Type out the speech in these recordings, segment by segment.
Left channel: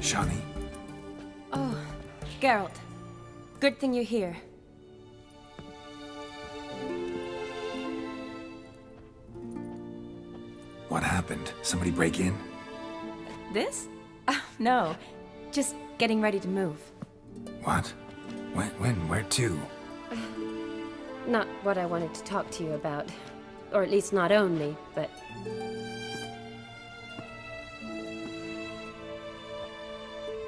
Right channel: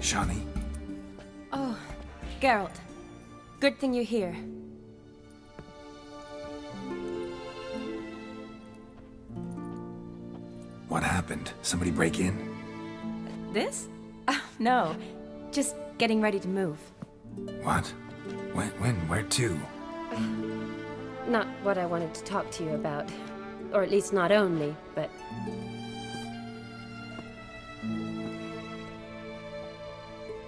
Shani? Oh, Geralt. Good thing you're here. What happened? Somebody break in? This? No. Just getting ready to move. What? When? Where to? Not what I wanted to talk to you about. Or at least not only, but...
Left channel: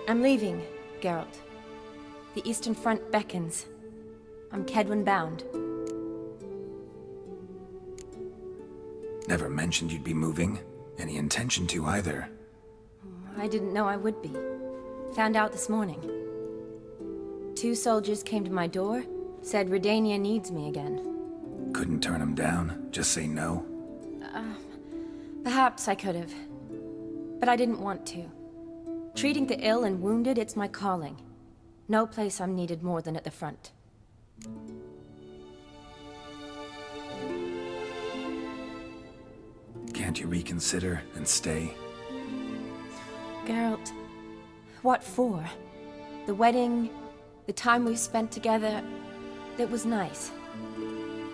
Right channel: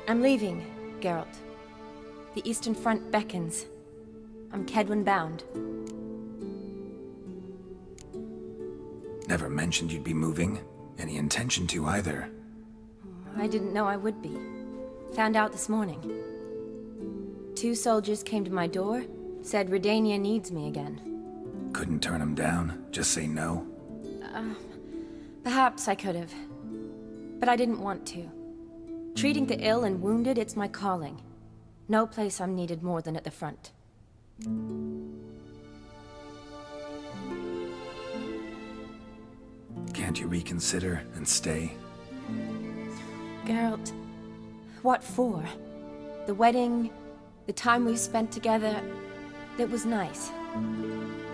I'm leaving, Geralt. The Eastern Front beckons. I'm Kedwin bound. Never mentioned you'd be moving. Any intention to either. I didn't know I would be. Found out this morning. 2 soldiers came to my door, said Redania needs me again. Couldn't turn them down? Just say no? Perhaps I could have. But I didn't want to. Treating the ill and wounded, it's my calling. No place I'm needed more than at the front. Can't you reconsider and stay? Geralt, what for? The wedding, the time we've spent together, it was nice.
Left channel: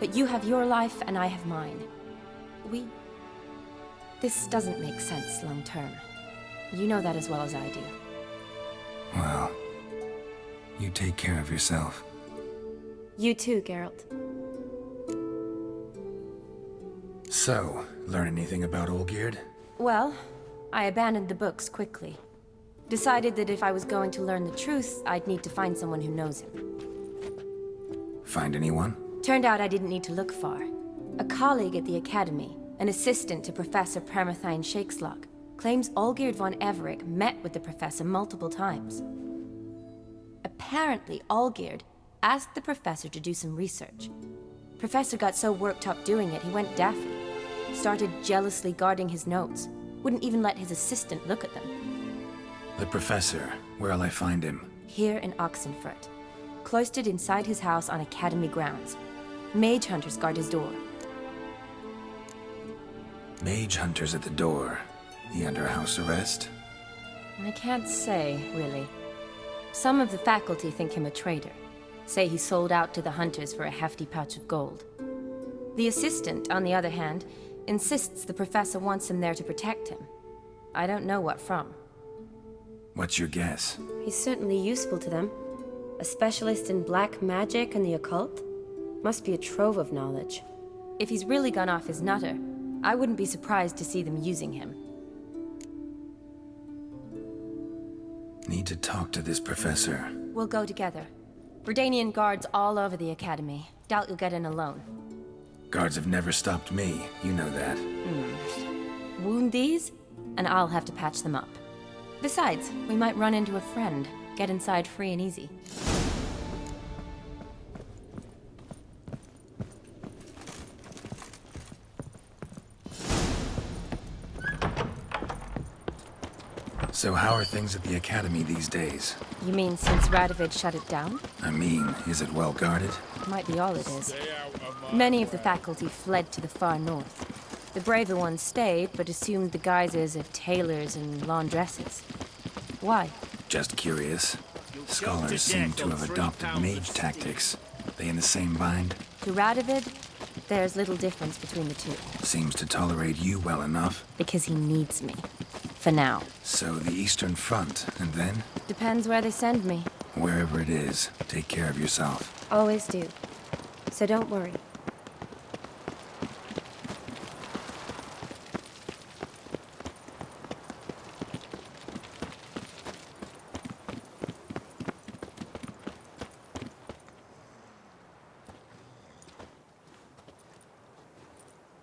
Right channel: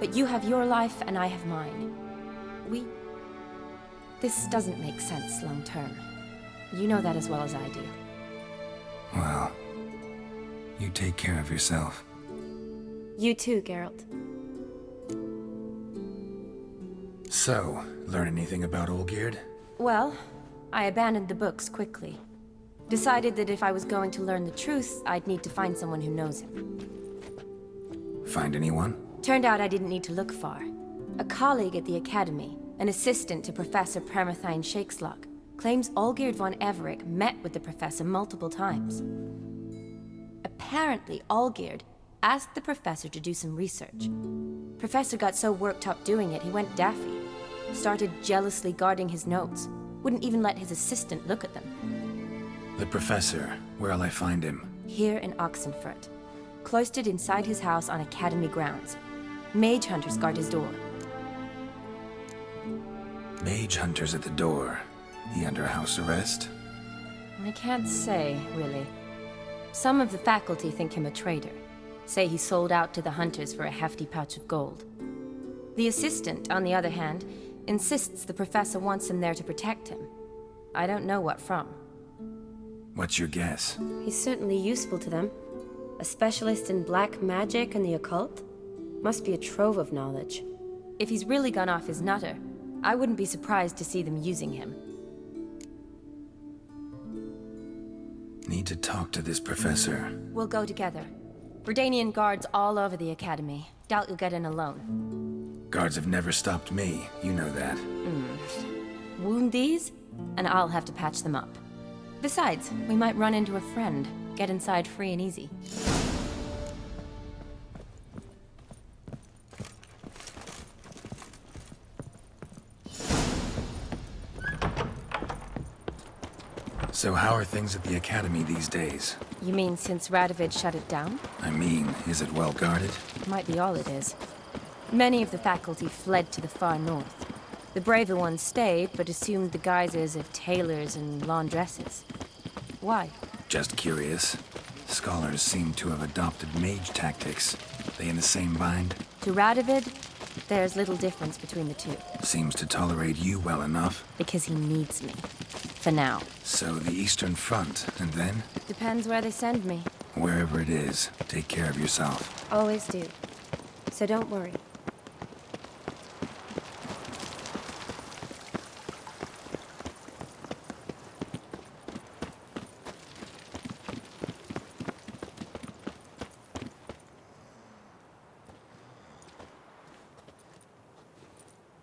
But you have your life and I have mine. This doesn't make sense long term. You know that as well as I do. Well, you take care of yourself. You too, Geralt. So, learn anything about Olgierd? Well, I abandoned the books quickly. Decided that if I was going to learn the truth, I'd need to find someone who knows him. Find anyone? Turned out I didn't need to look far. A colleague at the Academy, an assistant to Professor Permathine Shakeslog, claims Olgierd von Everec met with the professor multiple times. Apparently, Olgierd asked the professor to do some research. Professor got so worked up doing it, he went daffy. Started jealously guarding his notes. Wouldn't even let his assistant look at them. The professor. Where'll I find him? Here in Oxenfurt. Cloistered inside his house on Academy grounds. Mage hunters guard his door. Mage hunters at the door. He under house arrest? I can't say, really. Some of the faculty think him a traitor. Say he sold out to the hunters for a hefty pouch of gold. The assistant, on the other hand, insists the professor wants him there to protect him. I don't know what from. What's your guess? He's certainly useful to them. A specialist in black magic and the occult? Must be a trove of knowledge. If he's really gone off his nutter, I wouldn't be surprised to see them using him. Need to talk to this professor. We'll go together. Redanian guards all over the academy. Doubt you'll get in alone. Guards have never stopped me, you know that. Wound these, and I'll have to patch them up. Besides, we might run into a friend. Get inside free and easy. So how are things at the academy these days? You mean since Radovid shut it down? I mean, is it well guarded? Might be all it is. Many of the faculty fled to the far north. The braver ones stayed, but assumed the guises of tailors and laundresses. Why? Just curious. Scholars seem to have adopted mage tactics. They in the same bind? To Radovid, there's little difference between the two. Seems to tolerate you well enough. Because he needs me. For now. So the Eastern Front, and then? Depends where they send me. Wherever it is, take care of yourself. Always do. So don't worry.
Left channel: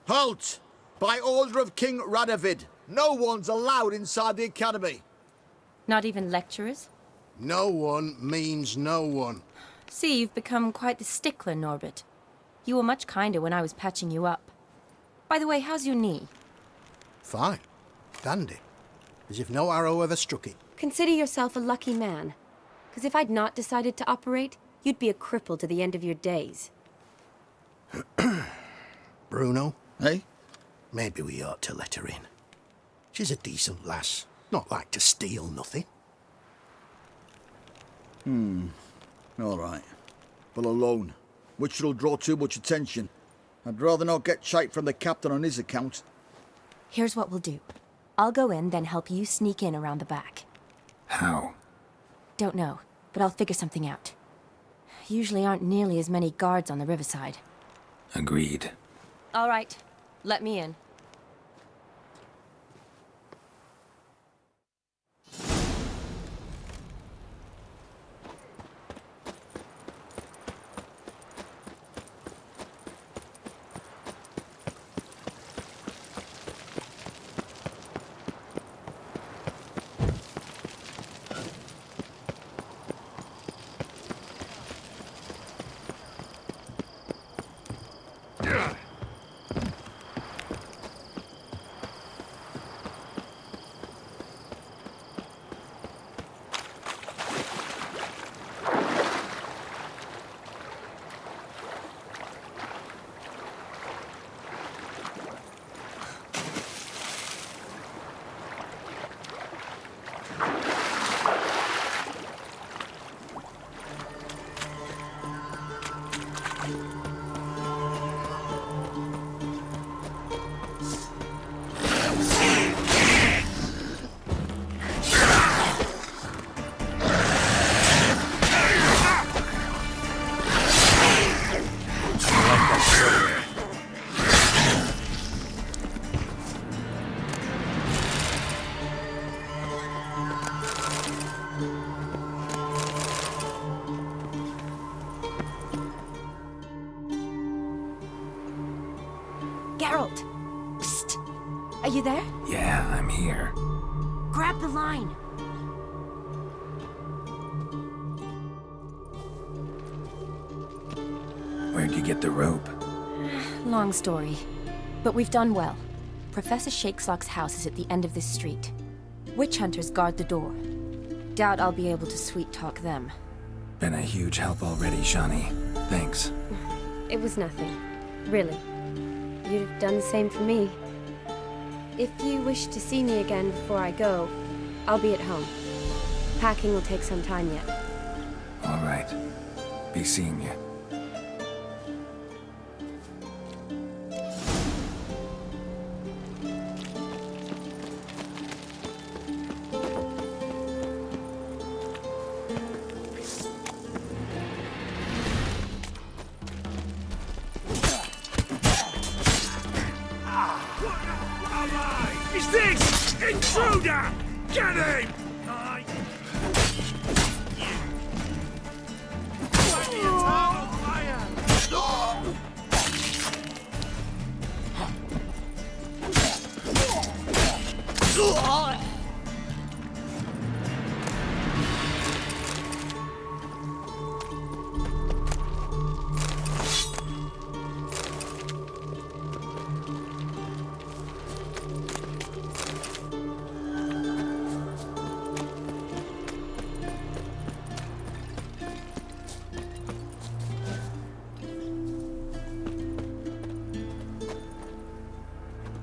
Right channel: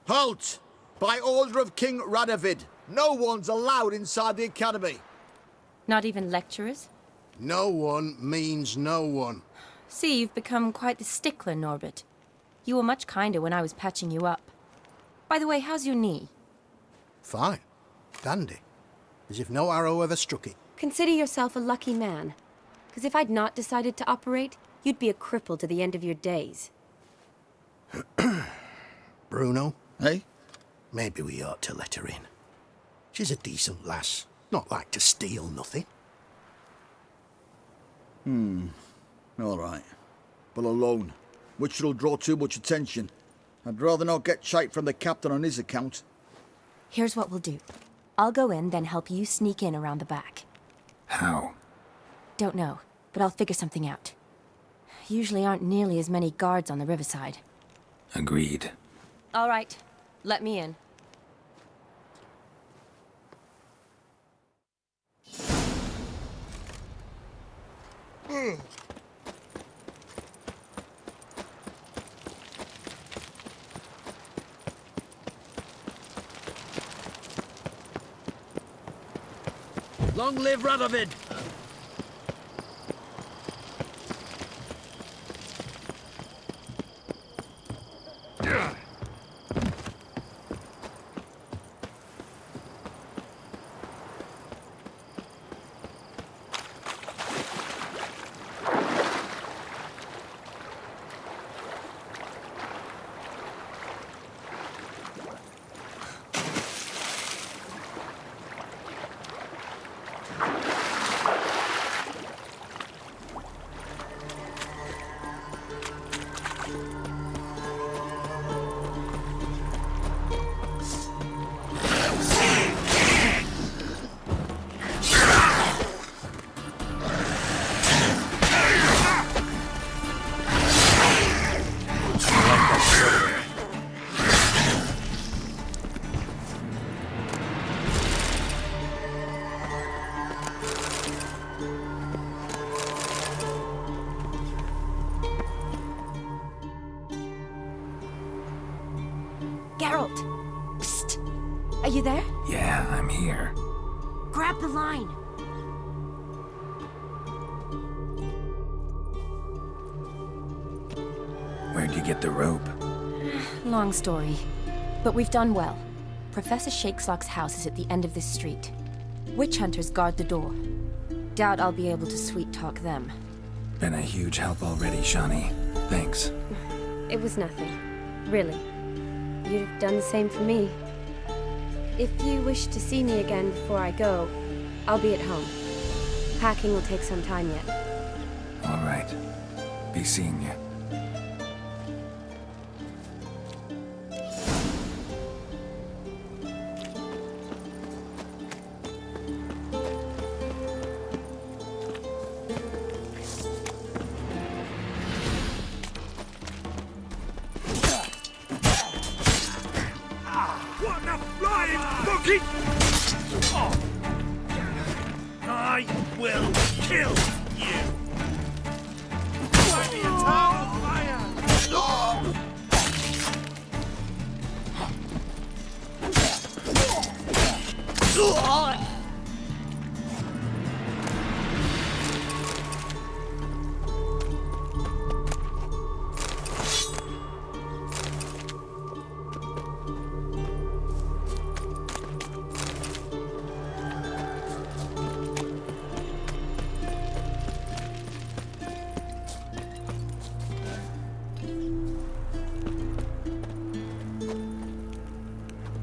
Halt! By order of King Radovid, no one's allowed inside the academy. Not even lecturers? No one means no one. See, you've become quite the stickler, Norbert. You were much kinder when I was patching you up. By the way, how's your knee? Fine. Dandy. As if no arrow ever struck it. Consider yourself a lucky man. Because if I'd not decided to operate, you'd be a cripple to the end of your days. Bruno, eh? Maybe we ought to let her in. She's a decent lass. Not like to steal nothing. All right. But alone, which will draw too much attention. I'd rather not get shite from the captain on his account. Here's what we'll do. I'll go in, then help you sneak in around the back. How? Don't know, but I'll figure something out. Usually aren't nearly as many guards on the riverside. Agreed. All right, let me in. Long live Radovid! Geralt! Psst! Are you there? Yeah, I'm here. Grab the line! Where'd you get the rope? Long story. But we've done well. Professor Shakeslock's house is at the end of this street. Witch hunters guard the door. Doubt I'll be able to sweet-talk them. Been a huge help already, Shani. Thanks. It was nothing. Really. You'd have done the same for me. If you wish to see me again before I go, I'll be at home. Packing will take some time yet. All right. Be seeing you. I will kill you! By the eternal fire!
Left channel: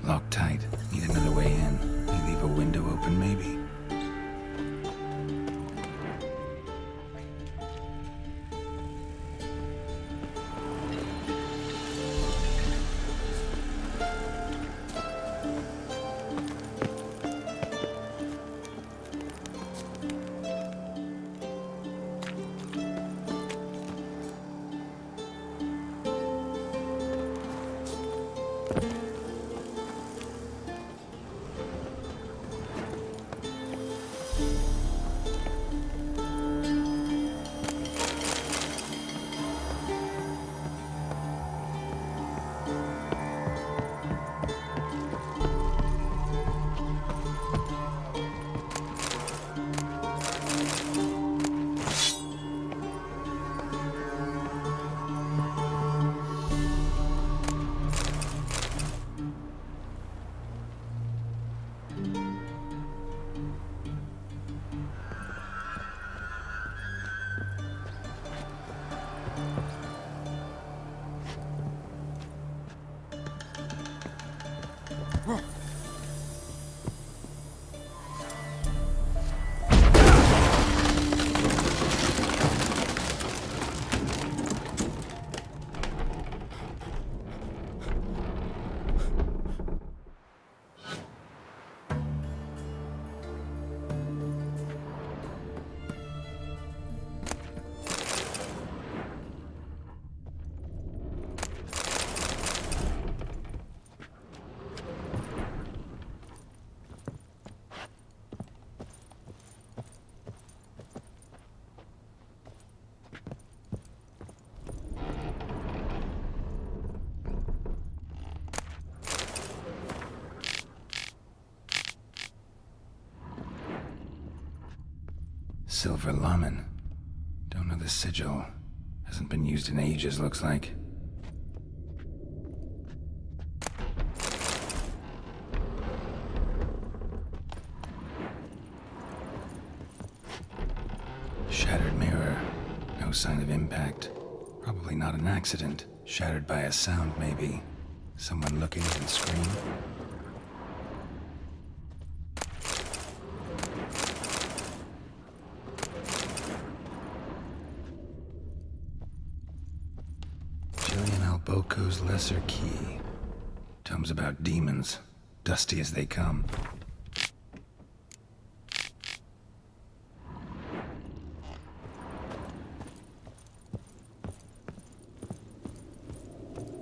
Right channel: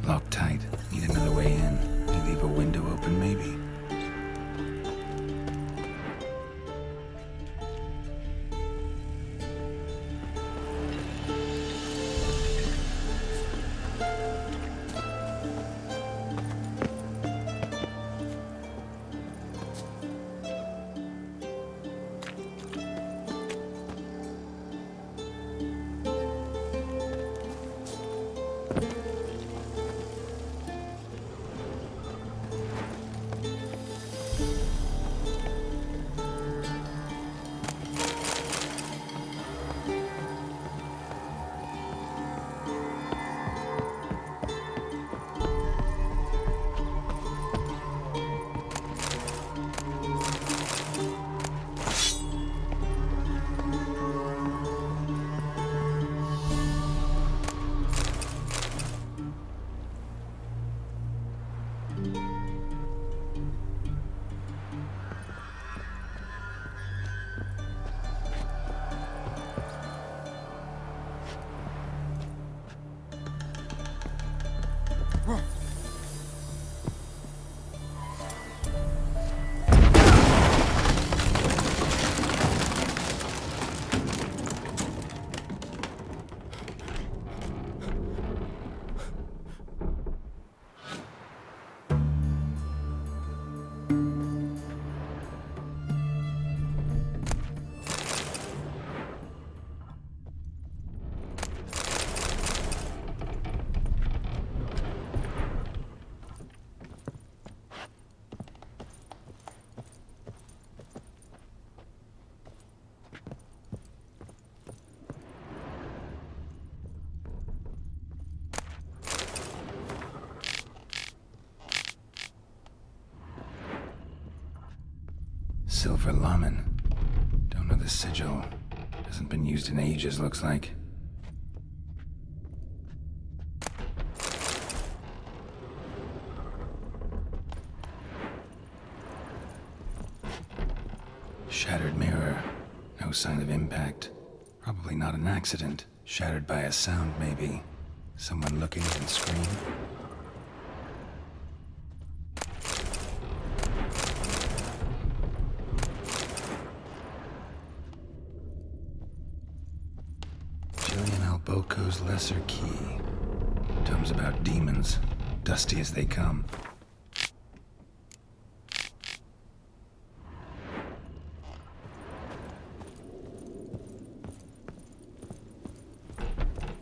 Locked tight. Need another way in. You leave a window open, maybe? Silver Lamen. Don't know the sigil. Hasn't been used in ages, looks like. Shattered mirror. No sign of impact. Probably not an accident. Shattered by a sound, maybe. Someone looking and scream. Boko's Lesser Key. Tomes about demons, dusty as they come.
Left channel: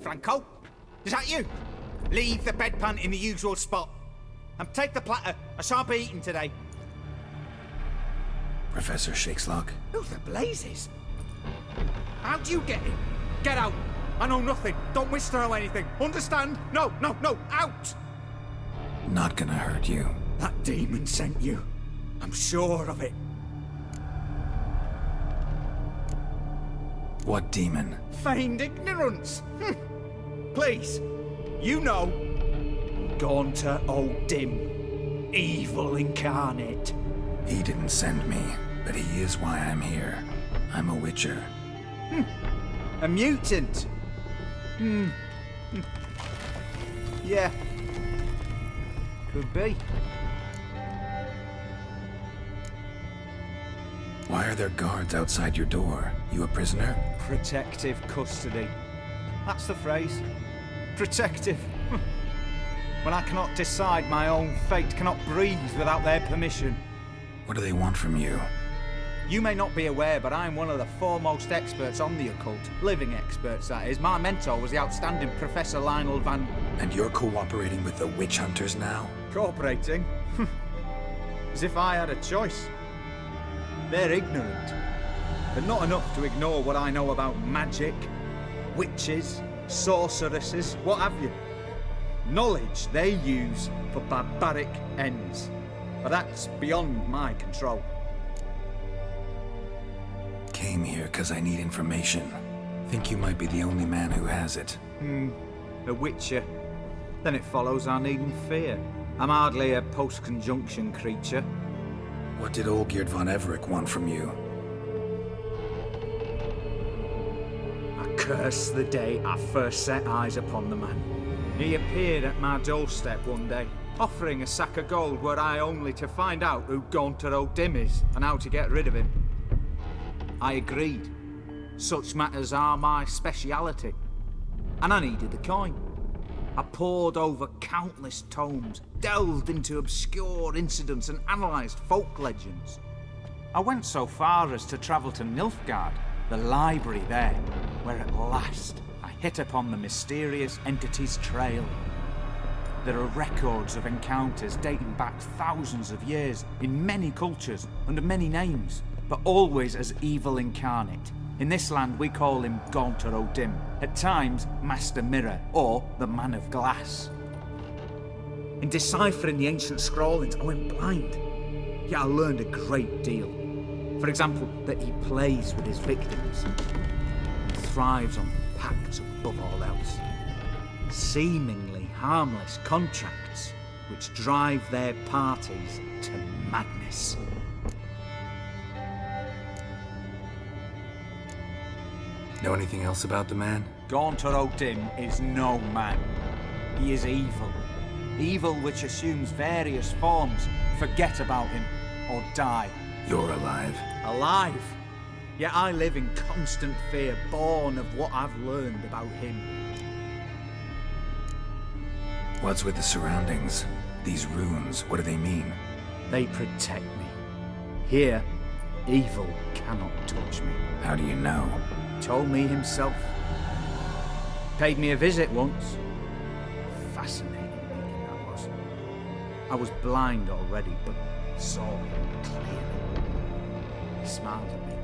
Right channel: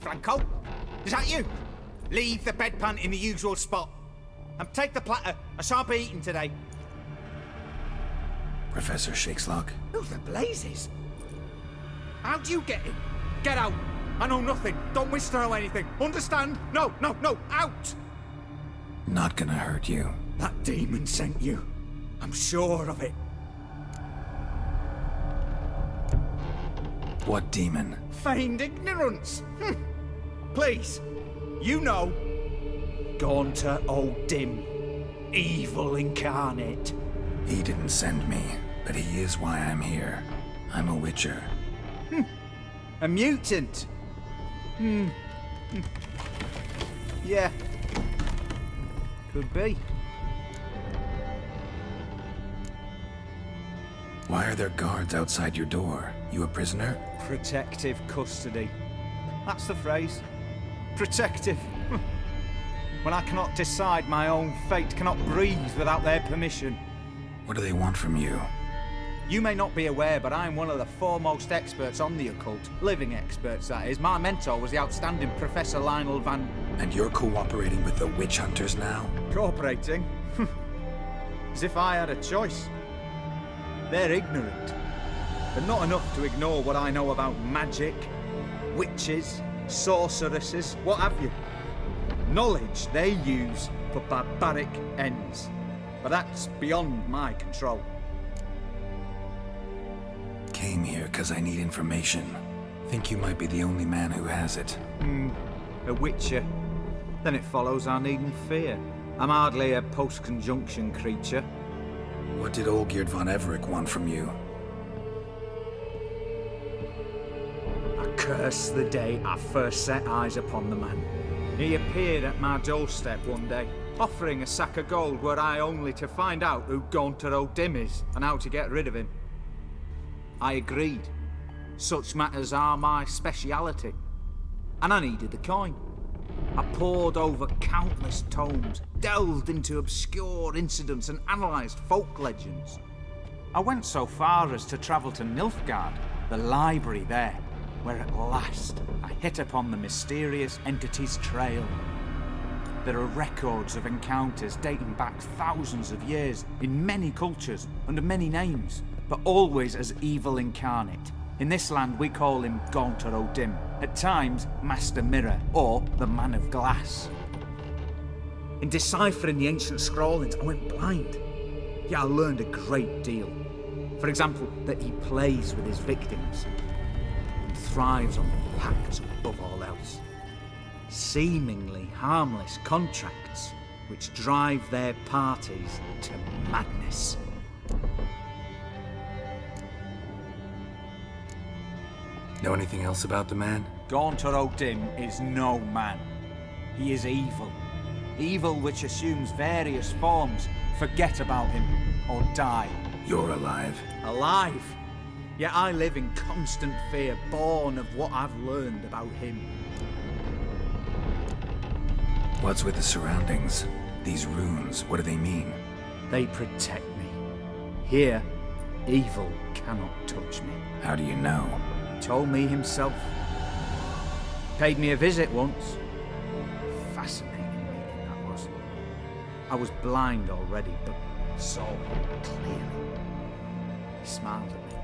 Franco? Is that you? Leave the bedpan in the usual spot. And take the platter. I shan't be eating today. Professor Shakeslock? Who the blazes? How'd you get in? Get out! I know nothing. Don't wish to know anything. Understand? No, no, no, out! Not gonna hurt you. That demon sent you. I'm sure of it. What demon? Feigned ignorance. Please, you know. Gaunter O'Dim. Evil incarnate. He didn't send me, but he is why I'm here. I'm a witcher. A mutant. Yeah. Could be. Why are there guards outside your door? You a prisoner? Protective custody. That's the phrase. Protective. When I cannot decide my own fate, cannot breathe without their permission. What do they want from you? You may not be aware, but I'm one of the foremost experts on the occult. Living experts, that is. My mentor was the outstanding Professor Lionel Van... And you're cooperating with the witch hunters now? Cooperating? As if I had a choice. They're ignorant, but not enough to ignore what I know about magic, witches, sorceresses, what have you. Knowledge they use for barbaric ends, but that's beyond my control. Came here because I need information. Think you might be the only man who has it. A witcher. Then it follows I needn't fear. I'm hardly a post-conjunction creature. What did Olgierd von Everec want from you? I curse the day I first set eyes upon the man. He appeared at my doorstep one day, offering a sack of gold were I only to find out who Gaunter O'Dim is and how to get rid of him. I agreed. Such matters are my speciality. And I needed the coin. I pored over countless tomes, delved into obscure incidents and analysed folk legends. I went so far as to travel to Nilfgaard, the library there, where at last I hit upon the mysterious entity's trail. There are records of encounters dating back thousands of years in many cultures under many names, but always as evil incarnate. In this land we call him Gaunter O'Dim, at times Master Mirror or the Man of Glass. In deciphering the ancient scrawlings I went blind, yet I learned a great deal. For example, that he plays with his victims and thrives on pacts above all else. Seemingly harmless contracts which drive their parties to madness. Know anything else about the man? Gaunter O'Dim is no man. He is evil. Evil which assumes various forms. Forget about him, or die. You're alive. Alive! Yet I live in constant fear, born of what I've learned about him. What's with the surroundings? These runes, what do they mean? They protect me. Here, evil cannot touch me. How do you know? Told me himself. Paid me a visit once. Fascinating meeting that was. I was blind already, but saw him clearly. He smiled at me.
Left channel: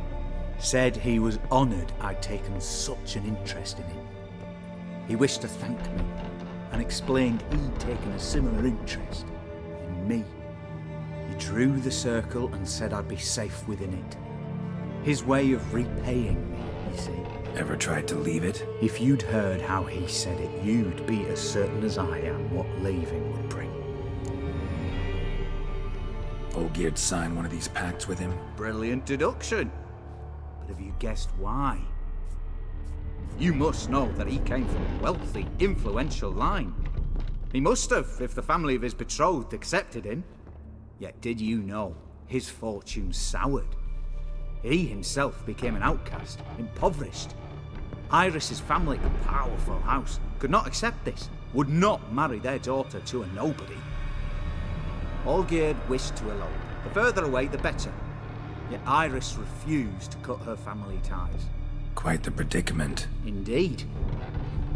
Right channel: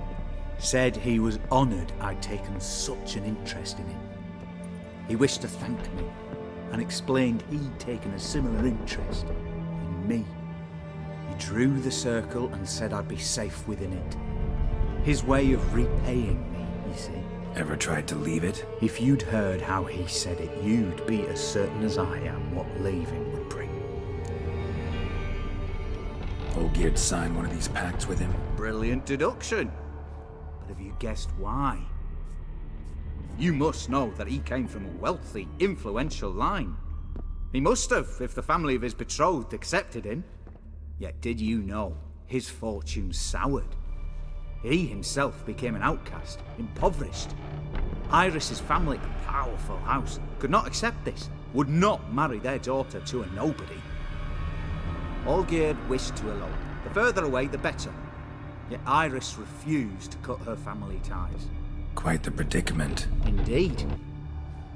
Said he was honoured I'd taken such an interest in him. He wished to thank me, and explained he'd taken a similar interest in me. He drew the circle and said I'd be safe within it. His way of repaying me, you see. Ever tried to leave it? If you'd heard how he said it, you'd be as certain as I am what leaving would bring. Olgierd signed one of these pacts with him? Brilliant deduction. But have you guessed why? You must know that he came from a wealthy, influential line. He must have, if the family of his betrothed accepted him. Yet did you know his fortune soured? He himself became an outcast, impoverished. Iris's family, a powerful house, could not accept this, would not marry their daughter to a nobody. Olgierd wished to elope. The further away, the better. Yet Iris refused to cut her family ties. Quite the predicament. Indeed.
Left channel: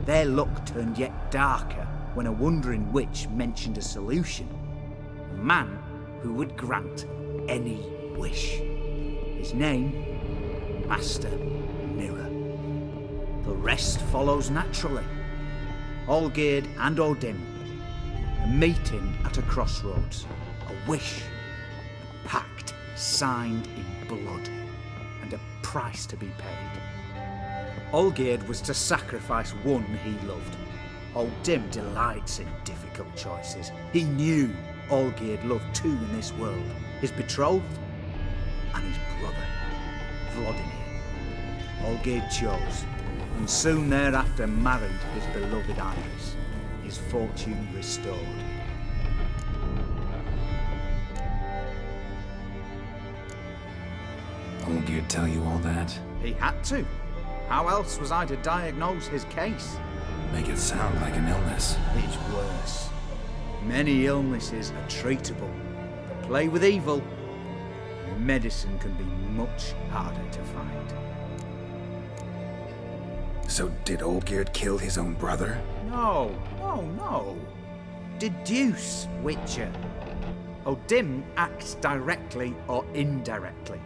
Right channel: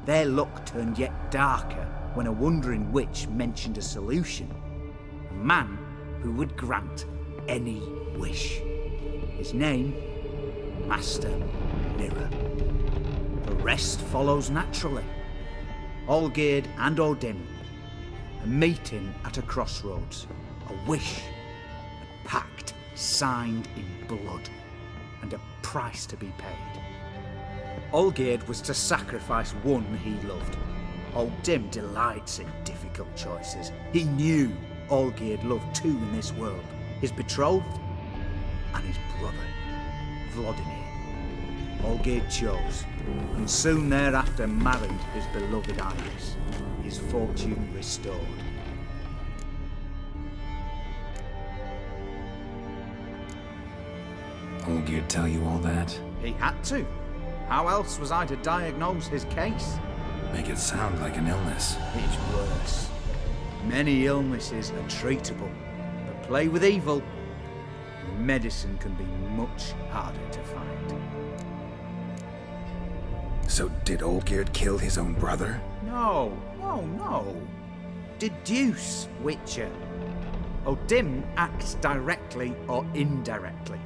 Their luck turned yet darker when a wandering witch mentioned a solution. A man who would grant any wish. His name, Master Mirror. The rest follows naturally. Olgierd and O'Dim. A meeting at a crossroads. A wish. A pact signed in blood. And a price to be paid. Olgierd was to sacrifice one he loved. O'Dim delights in difficult choices. He knew Olgierd loved two in this world. His betrothed and his brother, Vladimir. Olgierd chose, and soon thereafter married his beloved Iris, his fortune restored. Olgierd tell you all that? He had to. How else was I to diagnose his case? Make it sound like an illness. It's worse. Many illnesses are treatable, but play with evil, medicine can be much harder to find. So did Olgierd kill his own brother? No. Deduce, Witcher. O'Dim acts directly or indirectly.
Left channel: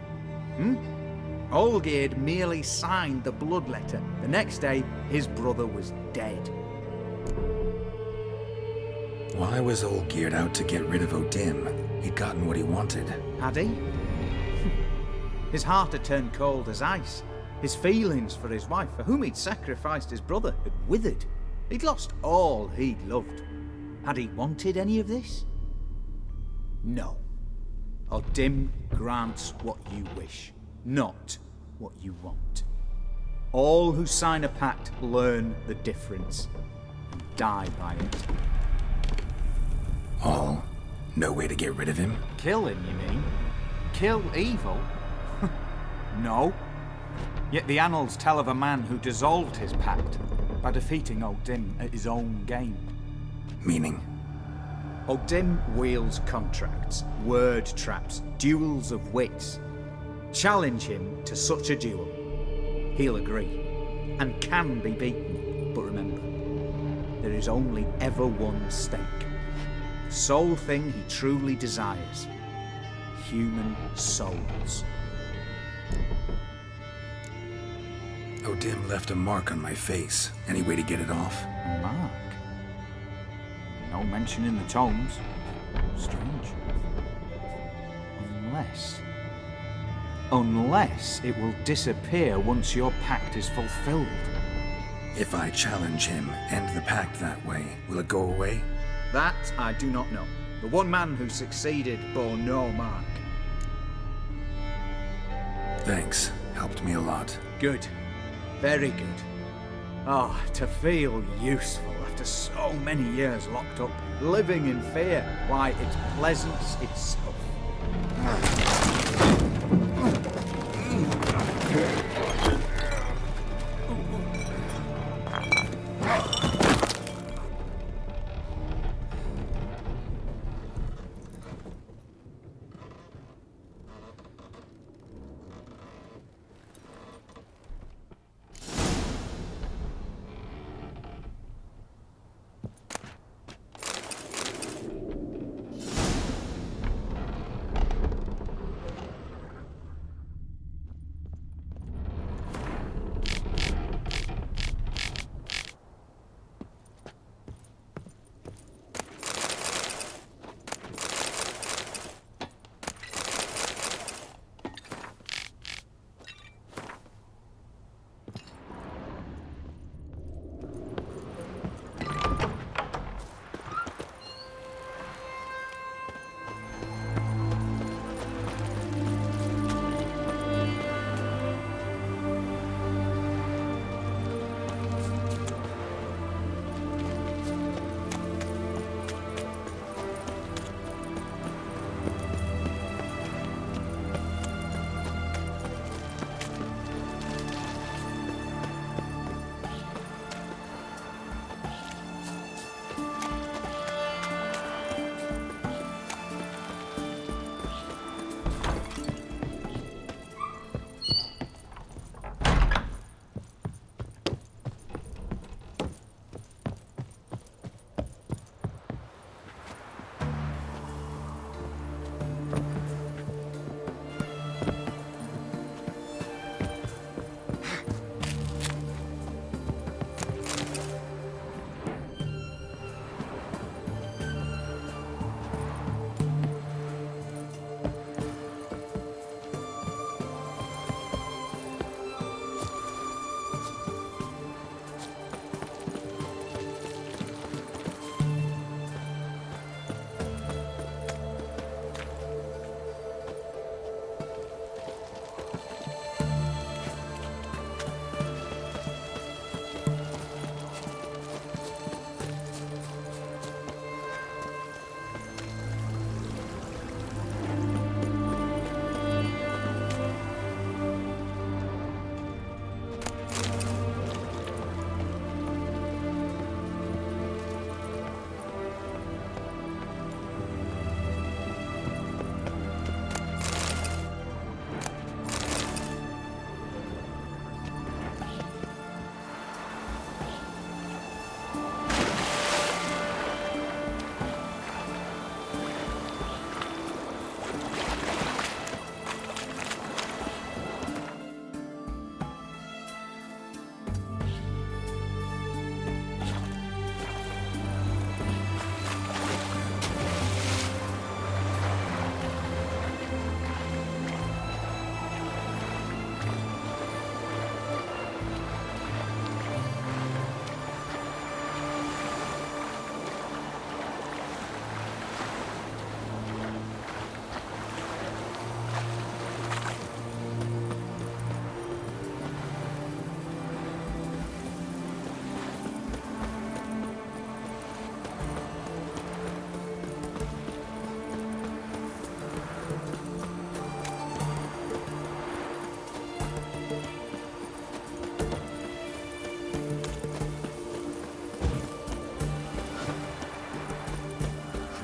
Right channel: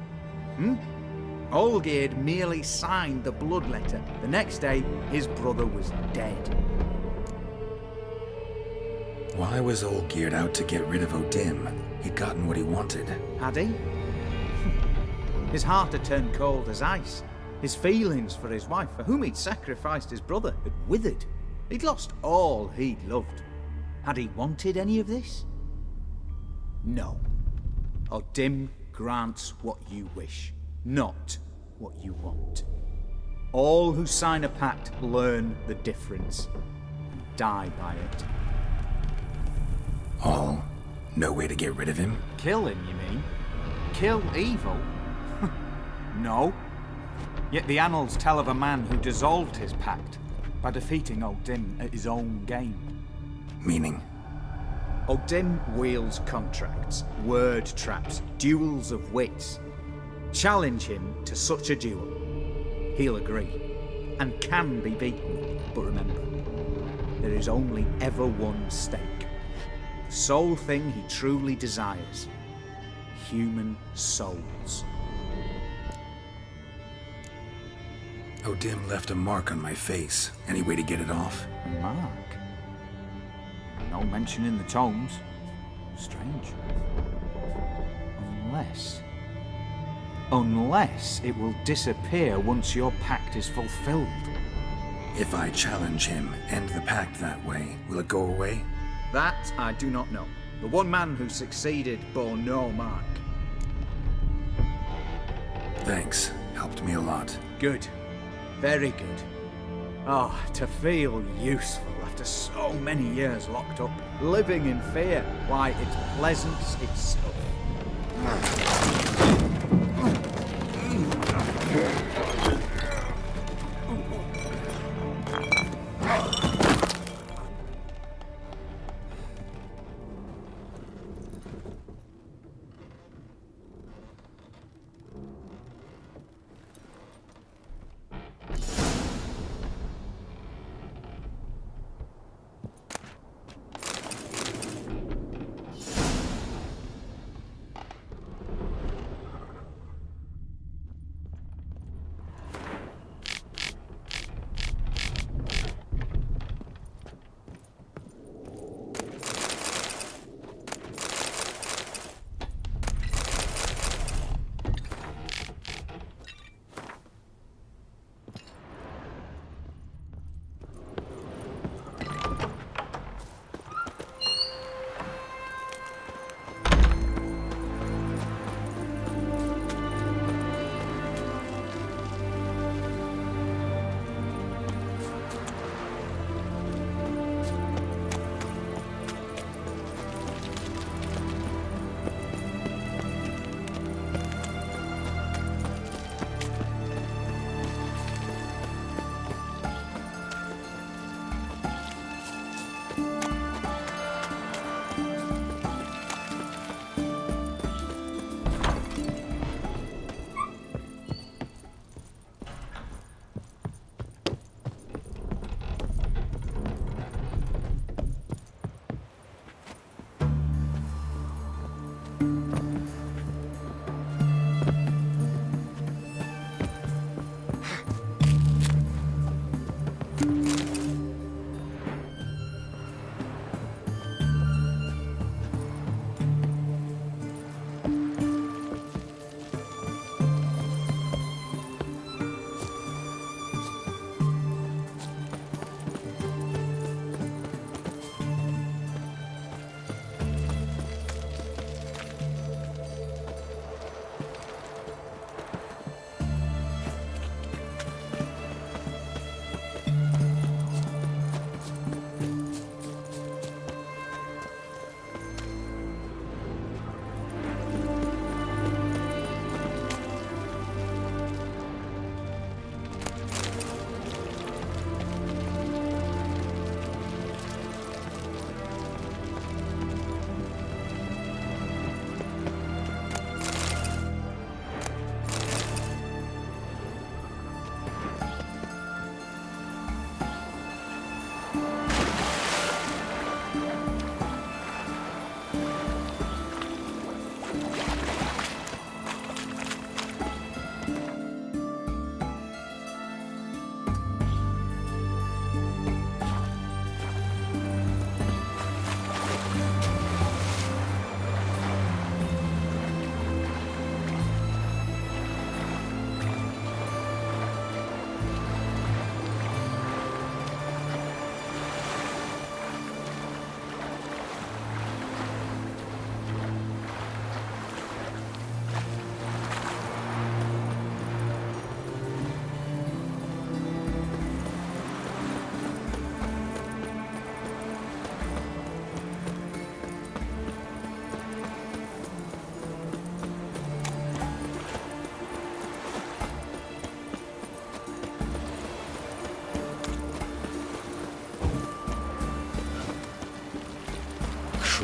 Olgierd merely signed the blood letter. The next day, his brother was dead. Why was Olgierd out to get rid of Odim? He'd gotten what he wanted. Had he? His heart had turned cold as ice. His feelings for his wife, for whom he'd sacrificed his brother, had withered. He'd lost all he'd loved. Had he wanted any of this? No. Odim grants what you wish, not what you want. All who sign a pact learn the difference and die by it. All? No way to get rid of him? Kill him, you mean? Kill evil? No. Yet the annals tell of a man who dissolved his pact by defeating Odim at his own game. Meaning? Odim wields contracts, word traps, duels of wits. Challenge him to such a duel. He'll agree, and can be beaten. But remember, there is only ever one stake. The sole thing he truly desires. Human souls. Odim left a mark on my face. Any way to get it off? A mark? No mention in the tomes. Strange. Unless it will disappear once your pact is fulfilled. If I challenge him, end the pact that way, will it go away? That I do not know. The one man who succeeded bore no mark. Thanks. Helped me a lot. Good. Very good. Oh, to feel useful after so many years locked up, living in fear. Why, it's pleasance itself.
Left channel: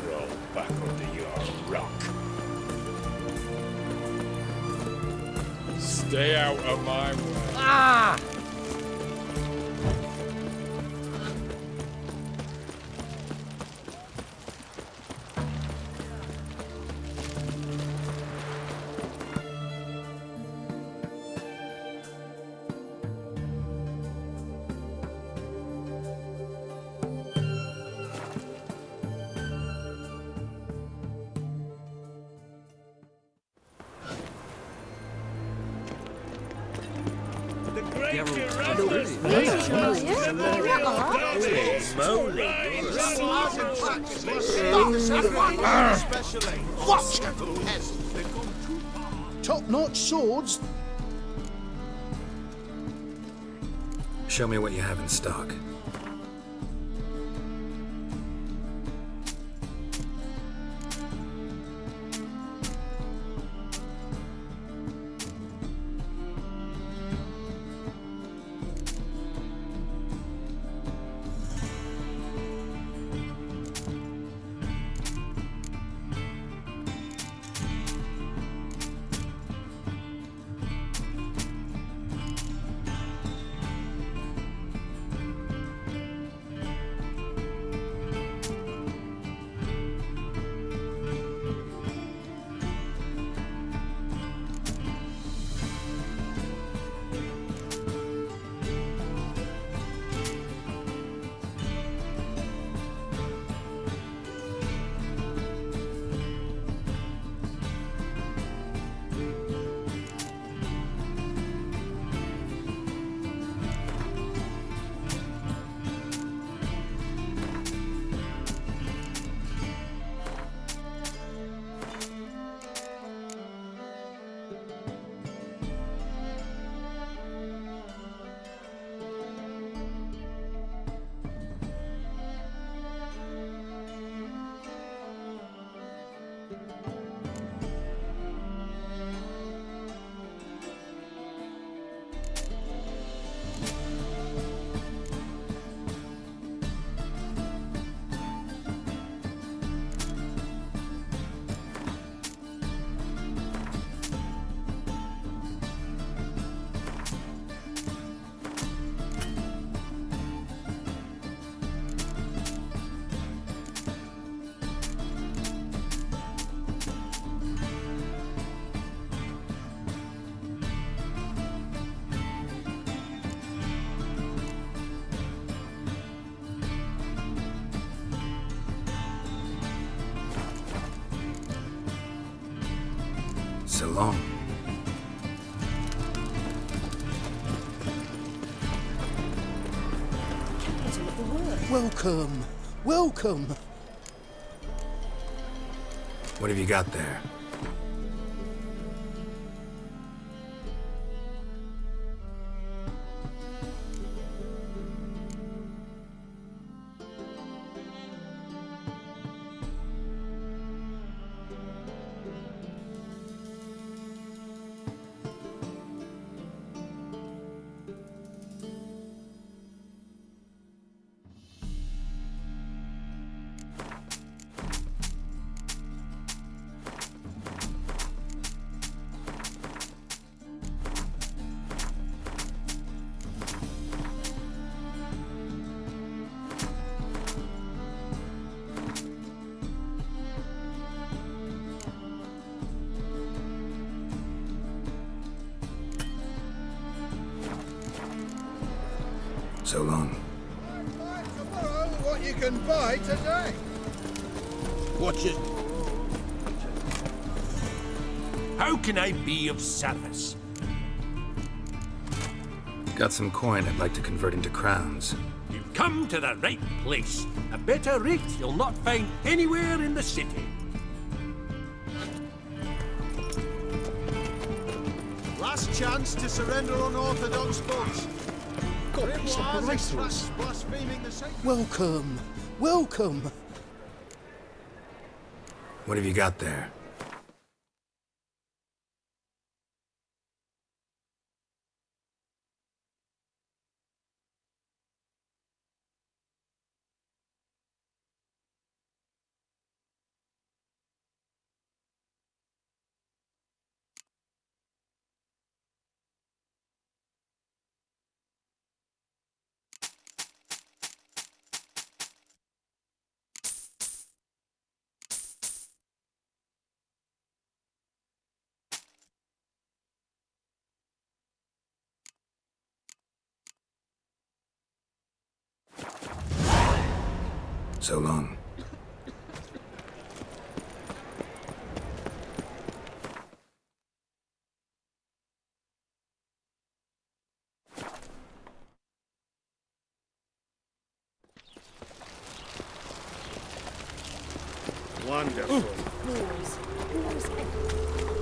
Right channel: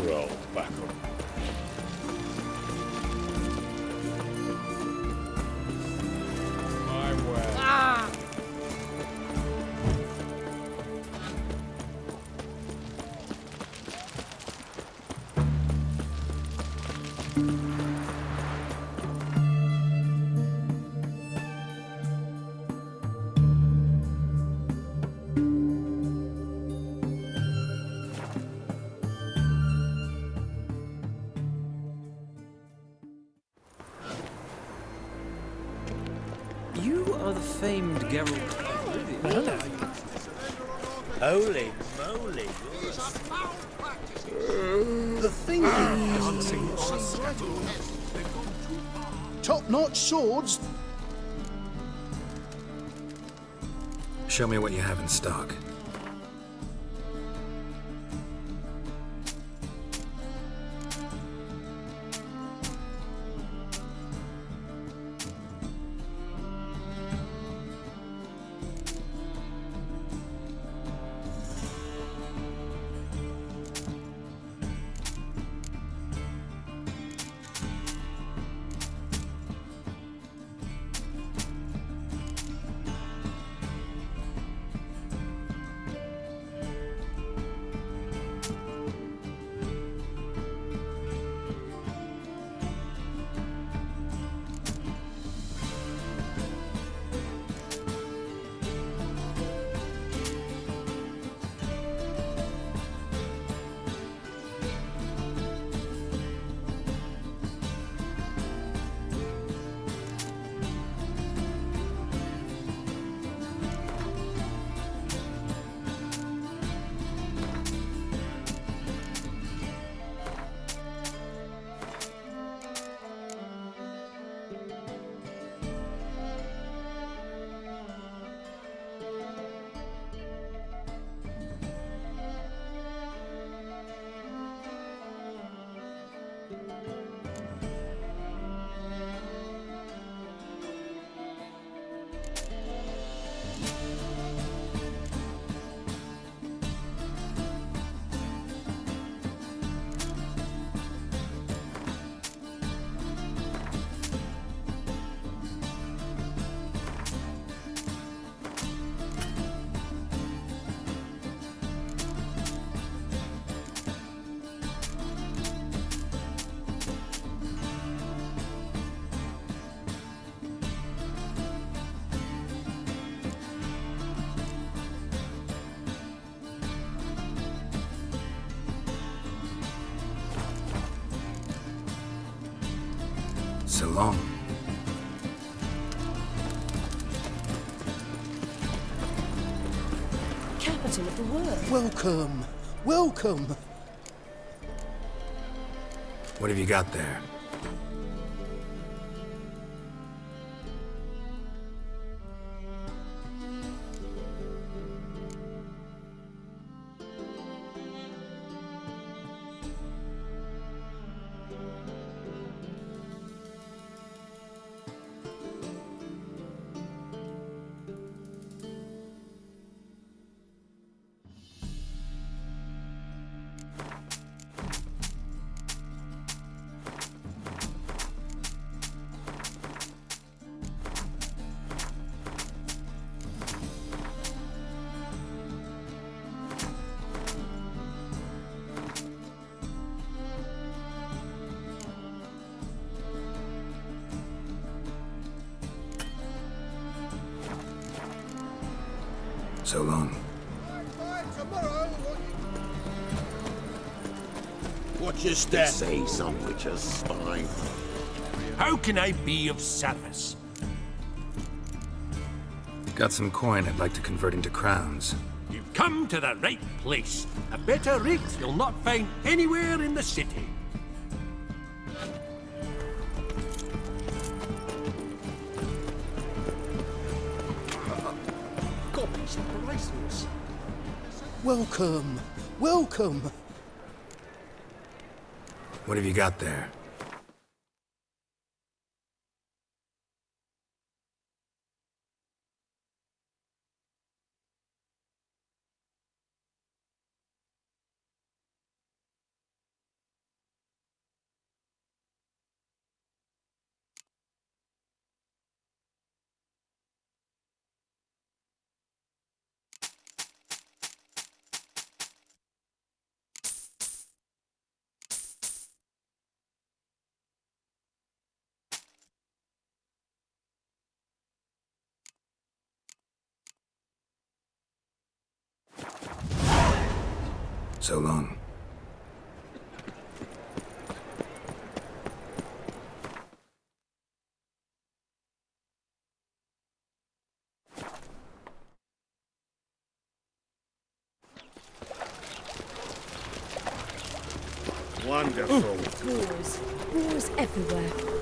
Crawl back under your rock. Stay out of my way. Ah! You are the famed Geralt of Rivia. Holy moly. Top-notch swords. Show me what you have in stock. So long. Capital of the word. Welcome. Welcome. What have you got there? So long. Buy tomorrow what you can buy today. Watch your step. Say something, just fine. How can I be of service? Got some coin I'd like to convert into crowns. You've come to the right place. A better rate you'll not find anywhere in the city. Last chance to surrender unorthodox goods. God, welcome. Welcome. What have you got there? So long. Wonderful. Wars. Wars everywhere.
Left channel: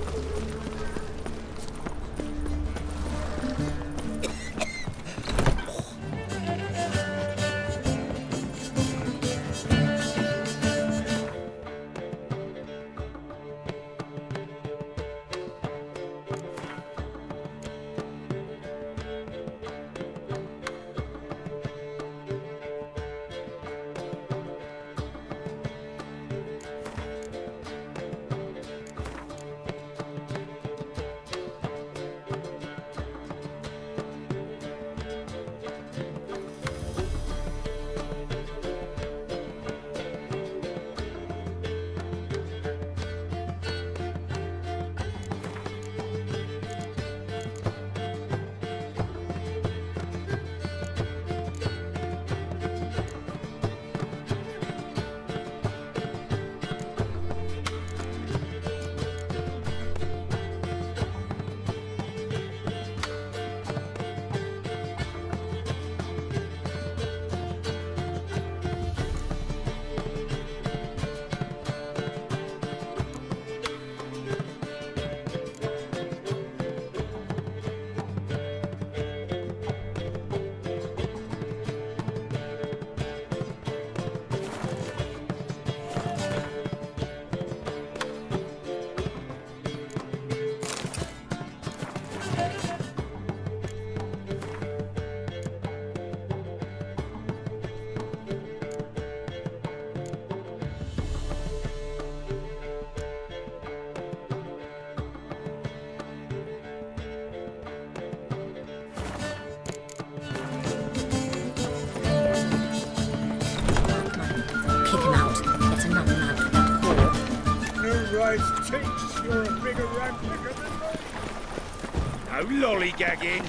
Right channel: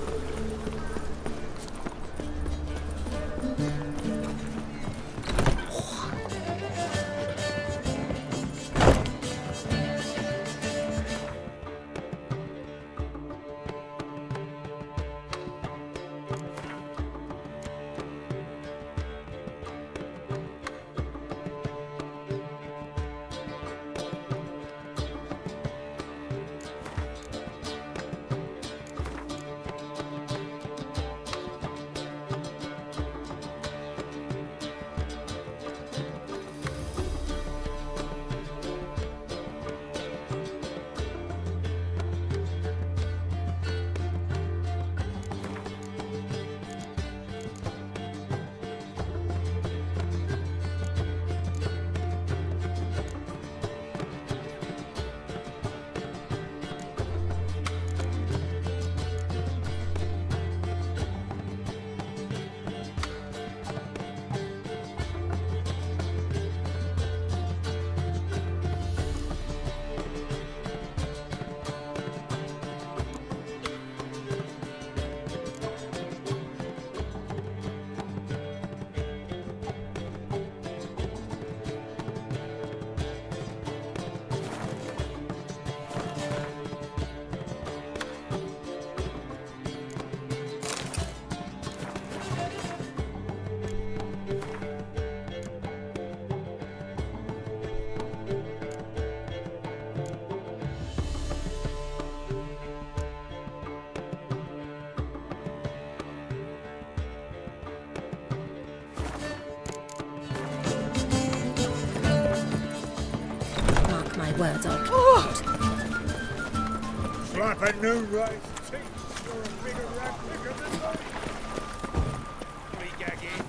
New rise takes, you're a bigger rat quicker than me. No lollygagging.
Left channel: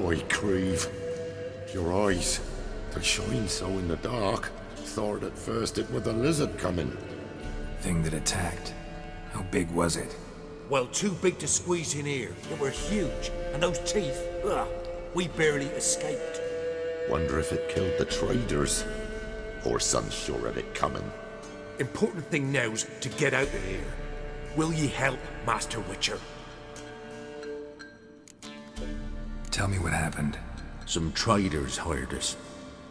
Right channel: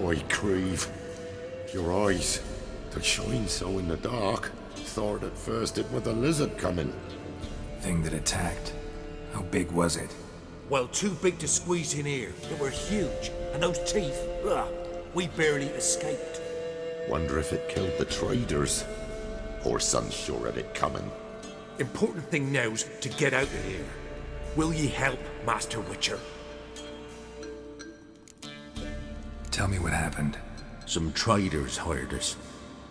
boy, Creve. Your eyes, they shine so in the dark. Thought at first it were the lizard coming. Thing that attacked. How big was it? Well, too big to squeeze in here. It were huge. And those teeth, ugh, we barely escaped. Wonder if it killed the traders. Or son's sure at it coming. Important thing now's to get out of here. Will ye help, Master Witcher? Tell me what happened. Some traders hired us.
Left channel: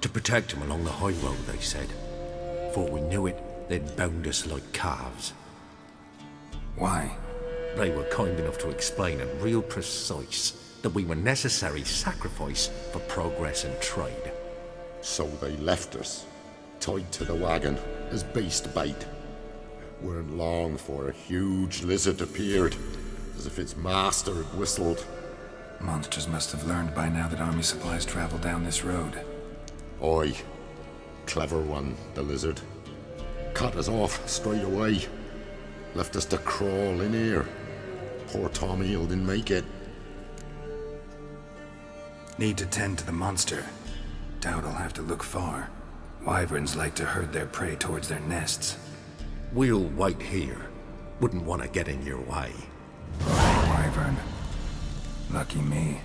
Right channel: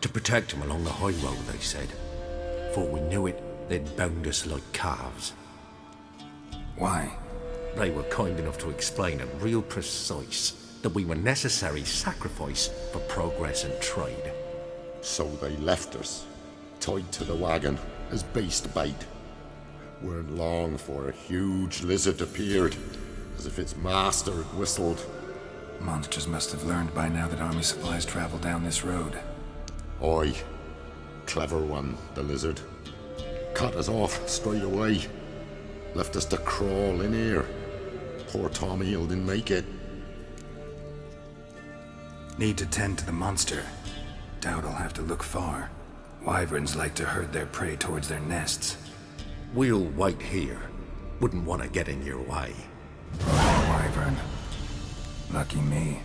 To protect them along the high road, they said. Before we knew it, they'd bound us like calves. Why? They were kind enough to explain it real precise that we were necessary sacrifice for progress and trade. So they left us, tied to the wagon, as beast bait. Weren't long for a huge lizard appeared, as if its master had whistled. Monsters must have learned by now that army supplies travel down this road. Aye. Clever one, the lizard. Cut us off straight away. Left us to crawl in here. Poor Tom Eel didn't make it. Need to tend to the monster. Doubt I'll have to look far. Wyverns like to herd their prey towards their nests. We'll wait here. Wouldn't want to get in your way. Royal wyvern. Lucky me.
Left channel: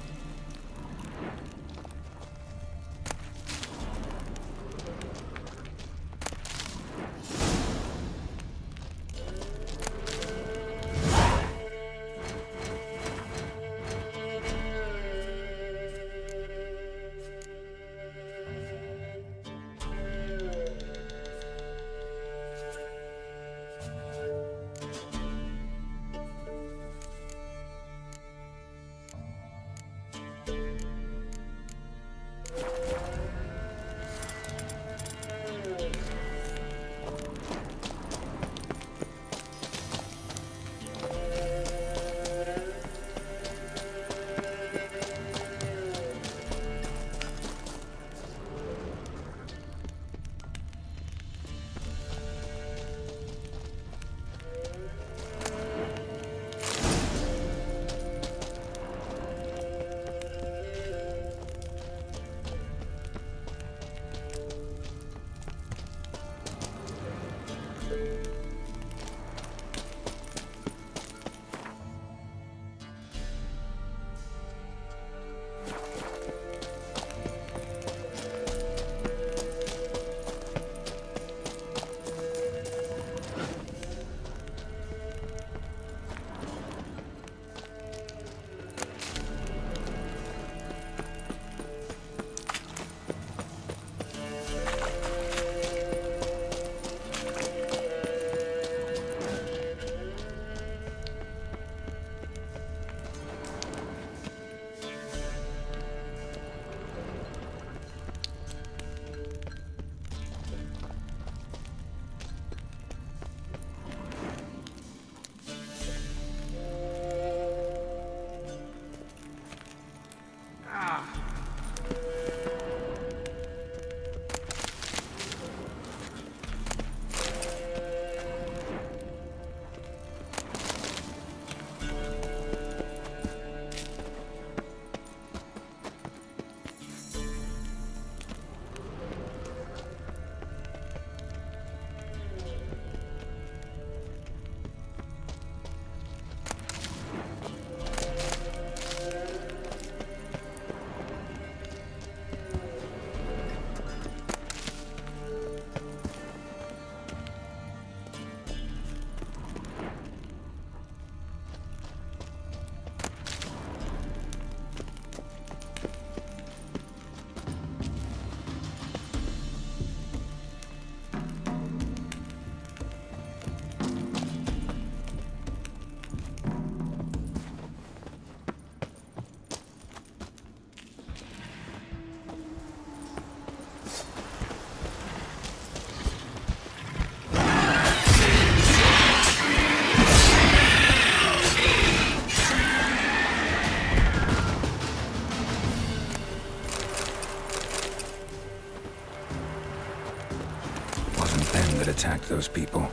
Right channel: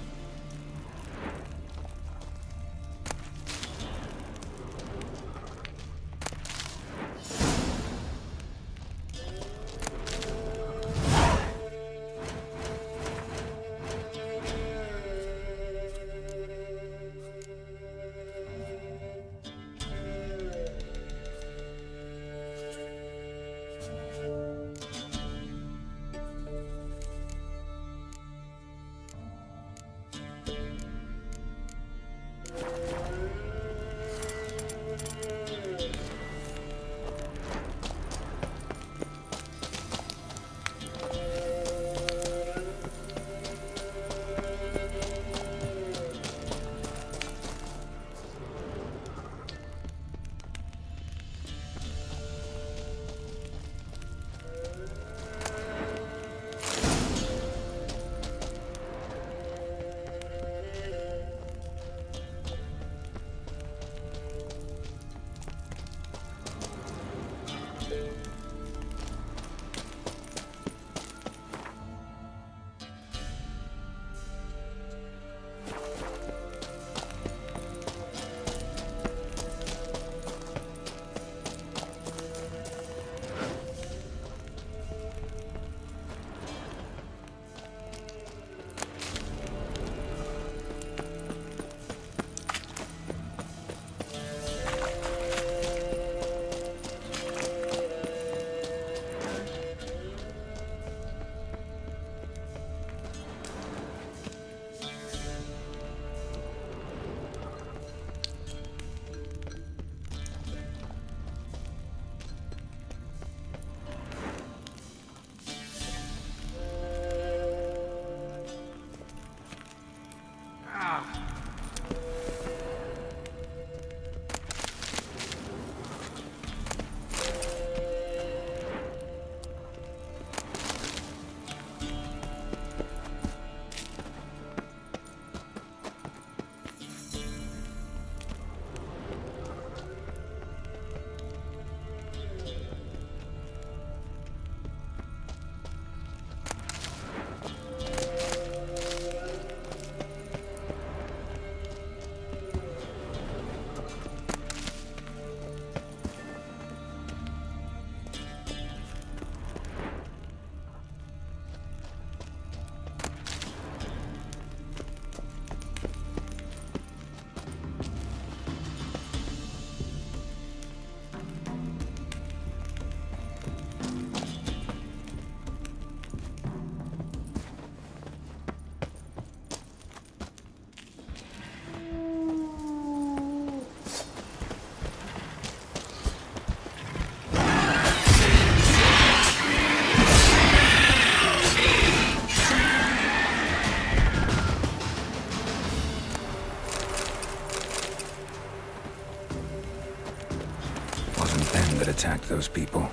Attacked those people.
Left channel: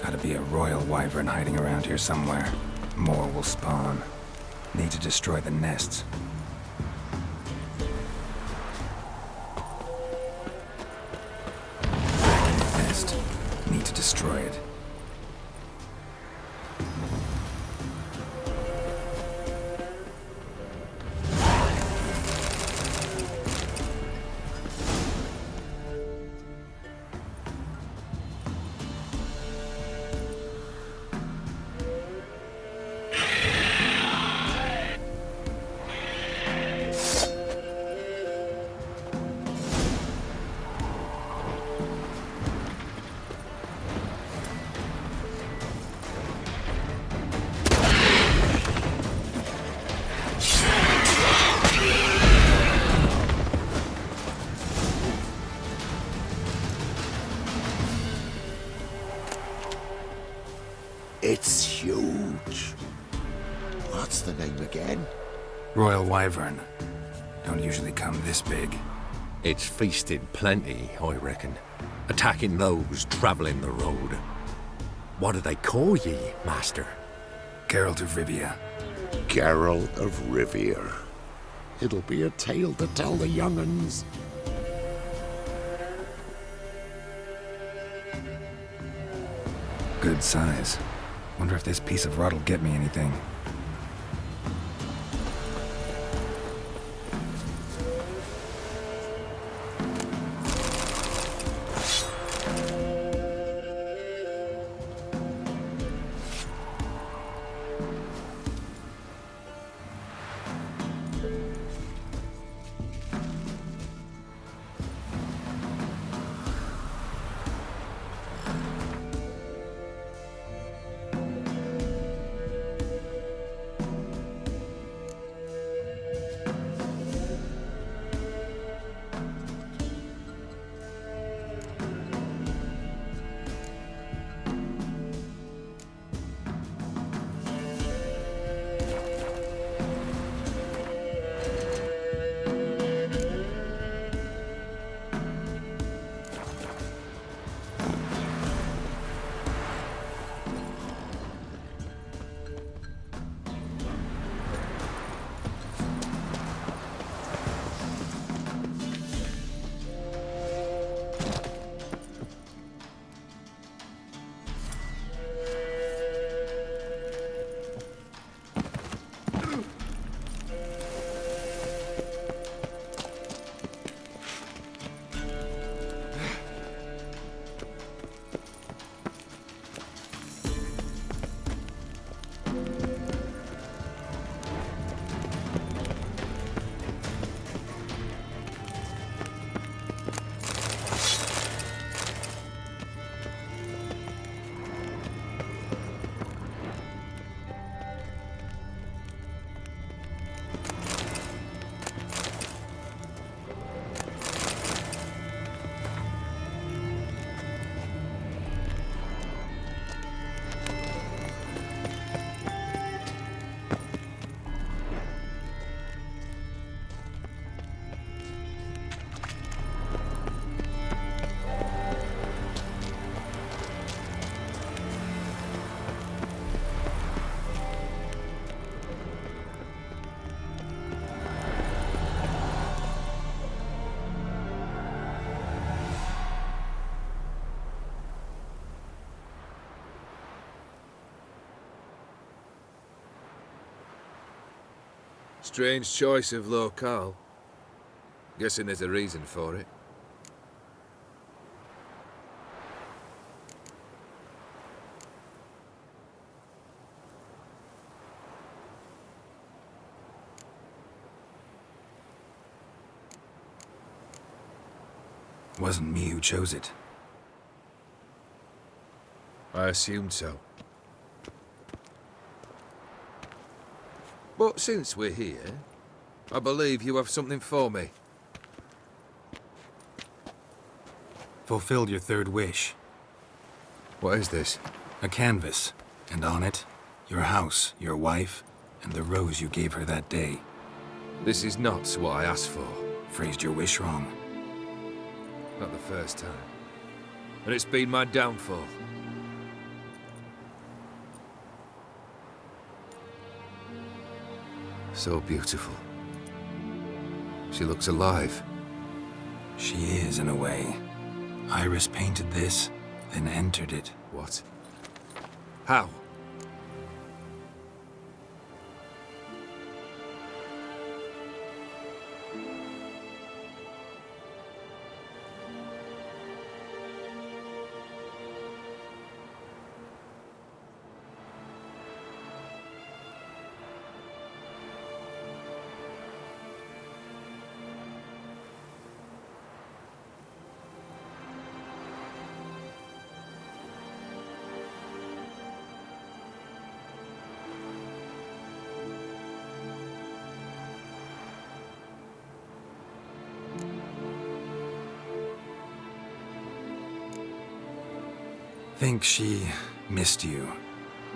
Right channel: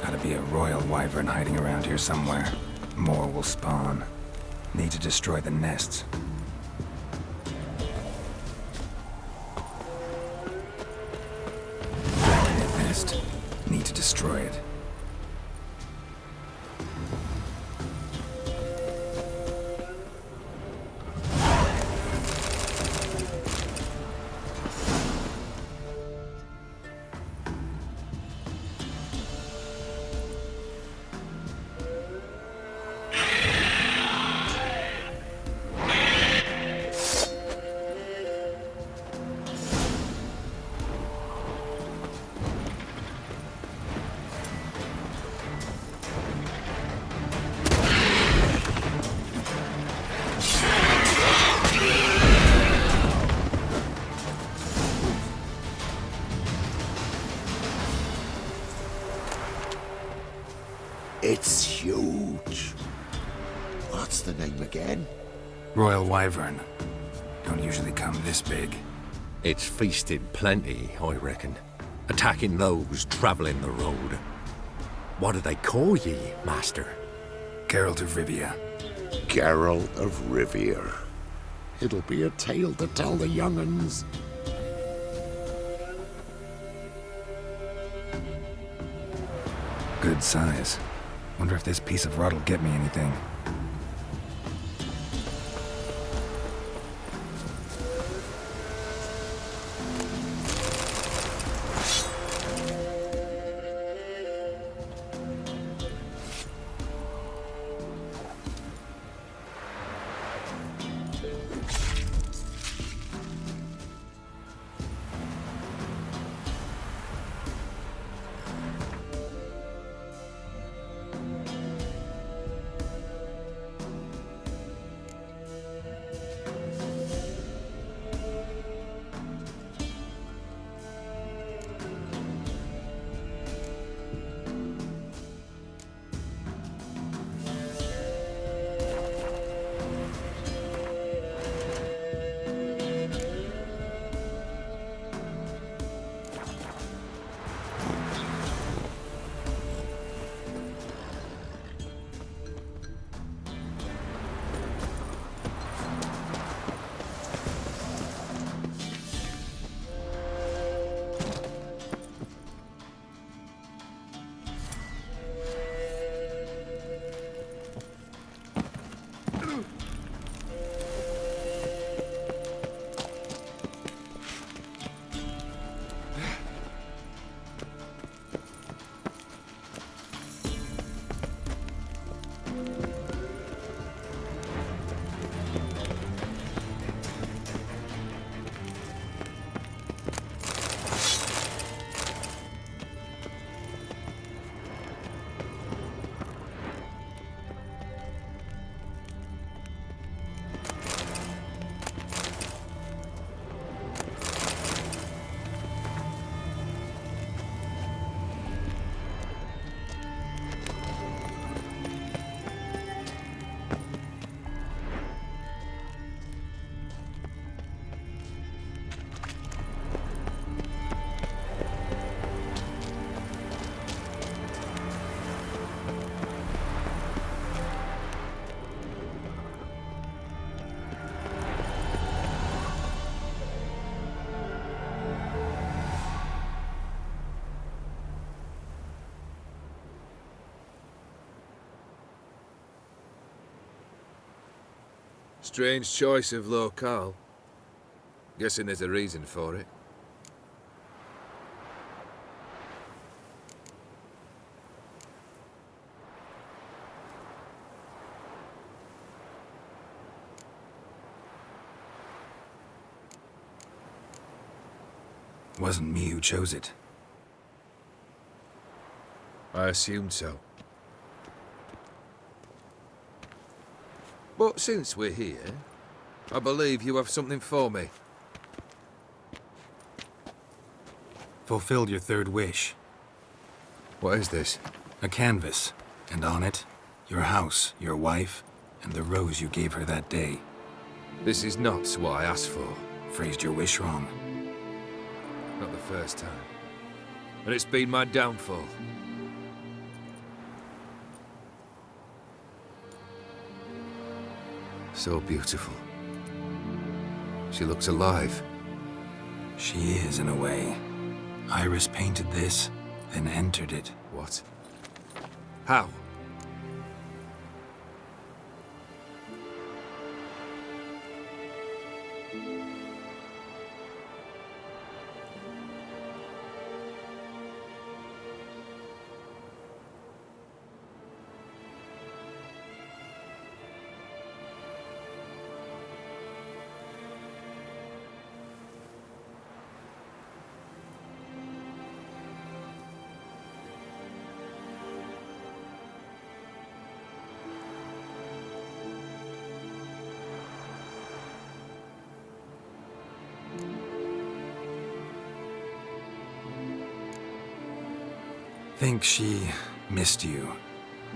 Gotta be a royal wyvern hiding around here somewhere. More will spawn. Need to destroy the nests. destroy it. It's huge. What's the name again? Royal Wyvern. Don't usually come this big. It's feasted plenty, I reckon. Attacking those travelling the road. What do they call ye, Master? Geralt of Rivia. Geralt of Rivia. It'll be a tale to tell the young'uns. Good size. Wonder if this piece of rod'll get me anything. Strange choice of locale. Guessing there's a reason for it. Wasn't me who chose it. I assumed so. But since we're here, I believe you have something for me. Fulfilled your third wish. What is this? A canvas, and on it, your house, your wife, and the rose you gave her that day. This is not what I asked for. Phrased your wish wrong. Not the first time. And it's been my downfall. So beautiful. She looks alive. She is, in a way. Iris painted this, then entered it. What? How? Think she missed you.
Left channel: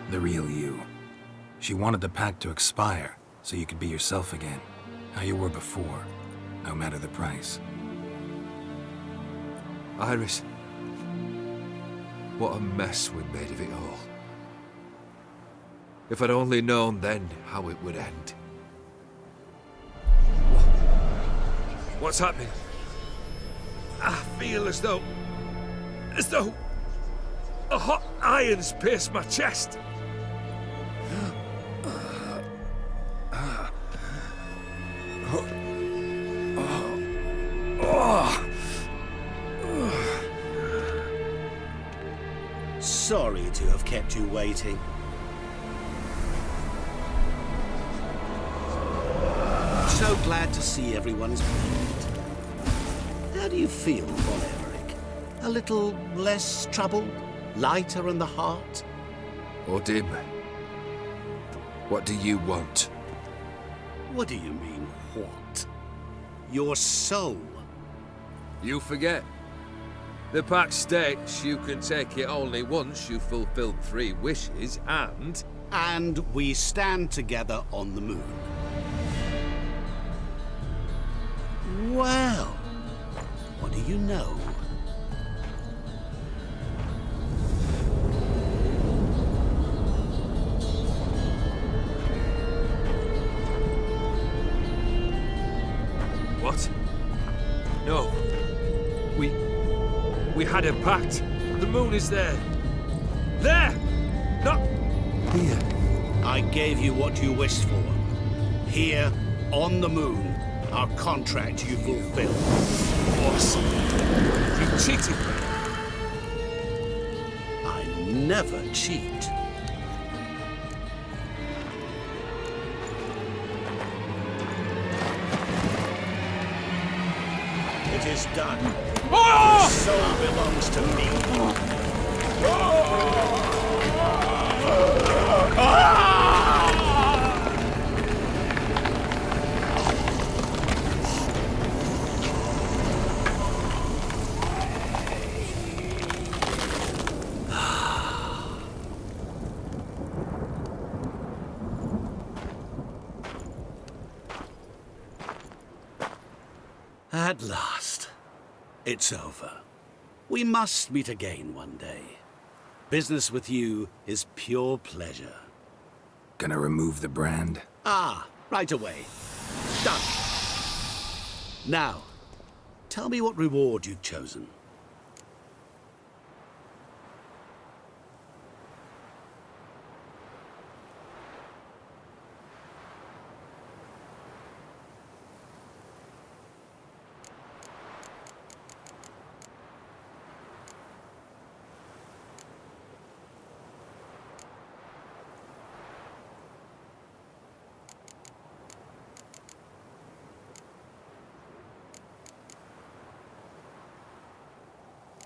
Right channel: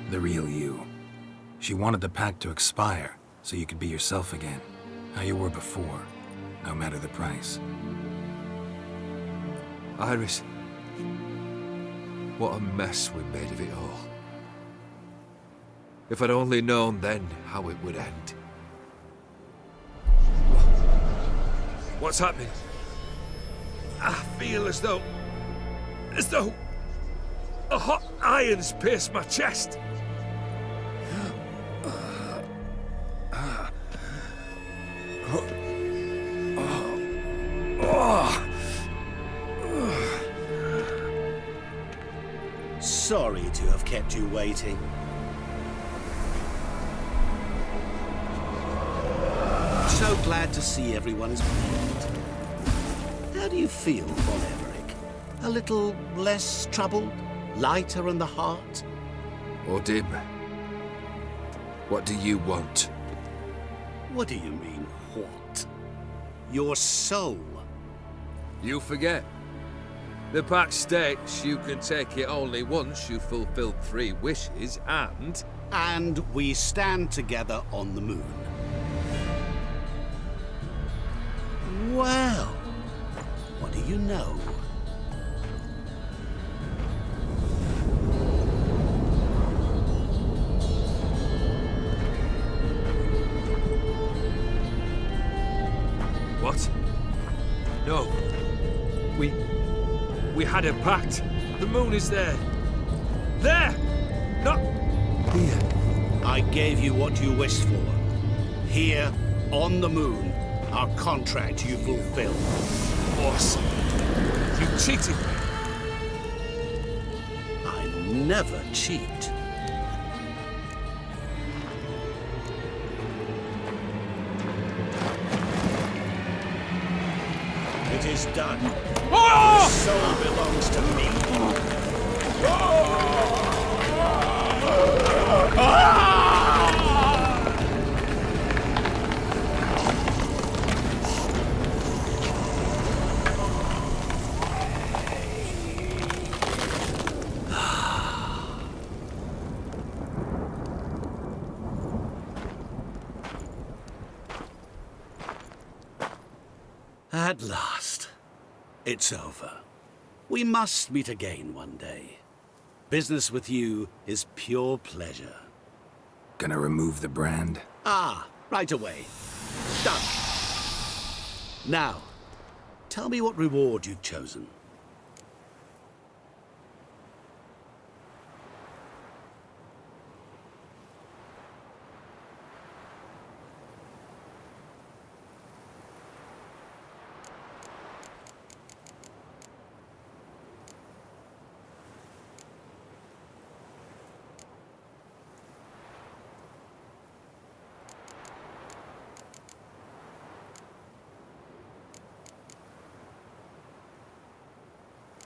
The real you. She wanted the pact to expire, so you could be yourself again. How you were before, no matter the price. Iris. What a mess we made of it all. If I'd only known then how it would end. What's happening? I feel as though a hot iron's pierced my chest. Sorry to have kept you waiting. So glad to see everyone's pleased. How do you feel, Von Everett? A little less troubled? Lighter in the heart? Odim, what do you want? What do you mean, what? Your soul. You forget. The pact states you can take it only once you've fulfilled 3 wishes, and... And we stand together on the moon. Well, what do you know? What? No. We had a pact. The moon is there. There! Not here. I gave you what you wished for. Here, on the moon, our contract you fulfilled. Awesome. You cheated me. I never cheat. It is done. The soul belongs to me. At last, it's over. We must meet again one day. Business with you is pure pleasure. Gonna remove the brand? Ah, right away. Done. Now, tell me what reward you've chosen.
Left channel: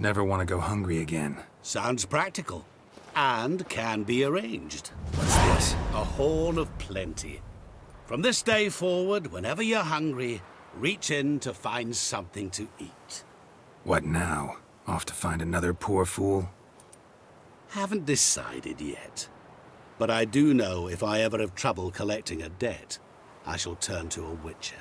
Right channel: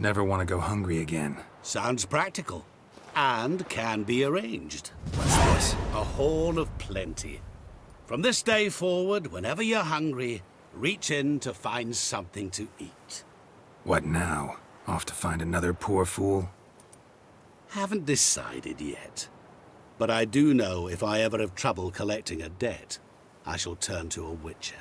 Never want to go hungry again. Sounds practical. And can be arranged. What's this? A horn of plenty. From this day forward, whenever you're hungry, reach in to find something to eat. What now? Off to find another poor fool? Haven't decided yet. But I do know if I ever have trouble collecting a debt, I shall turn to a witcher.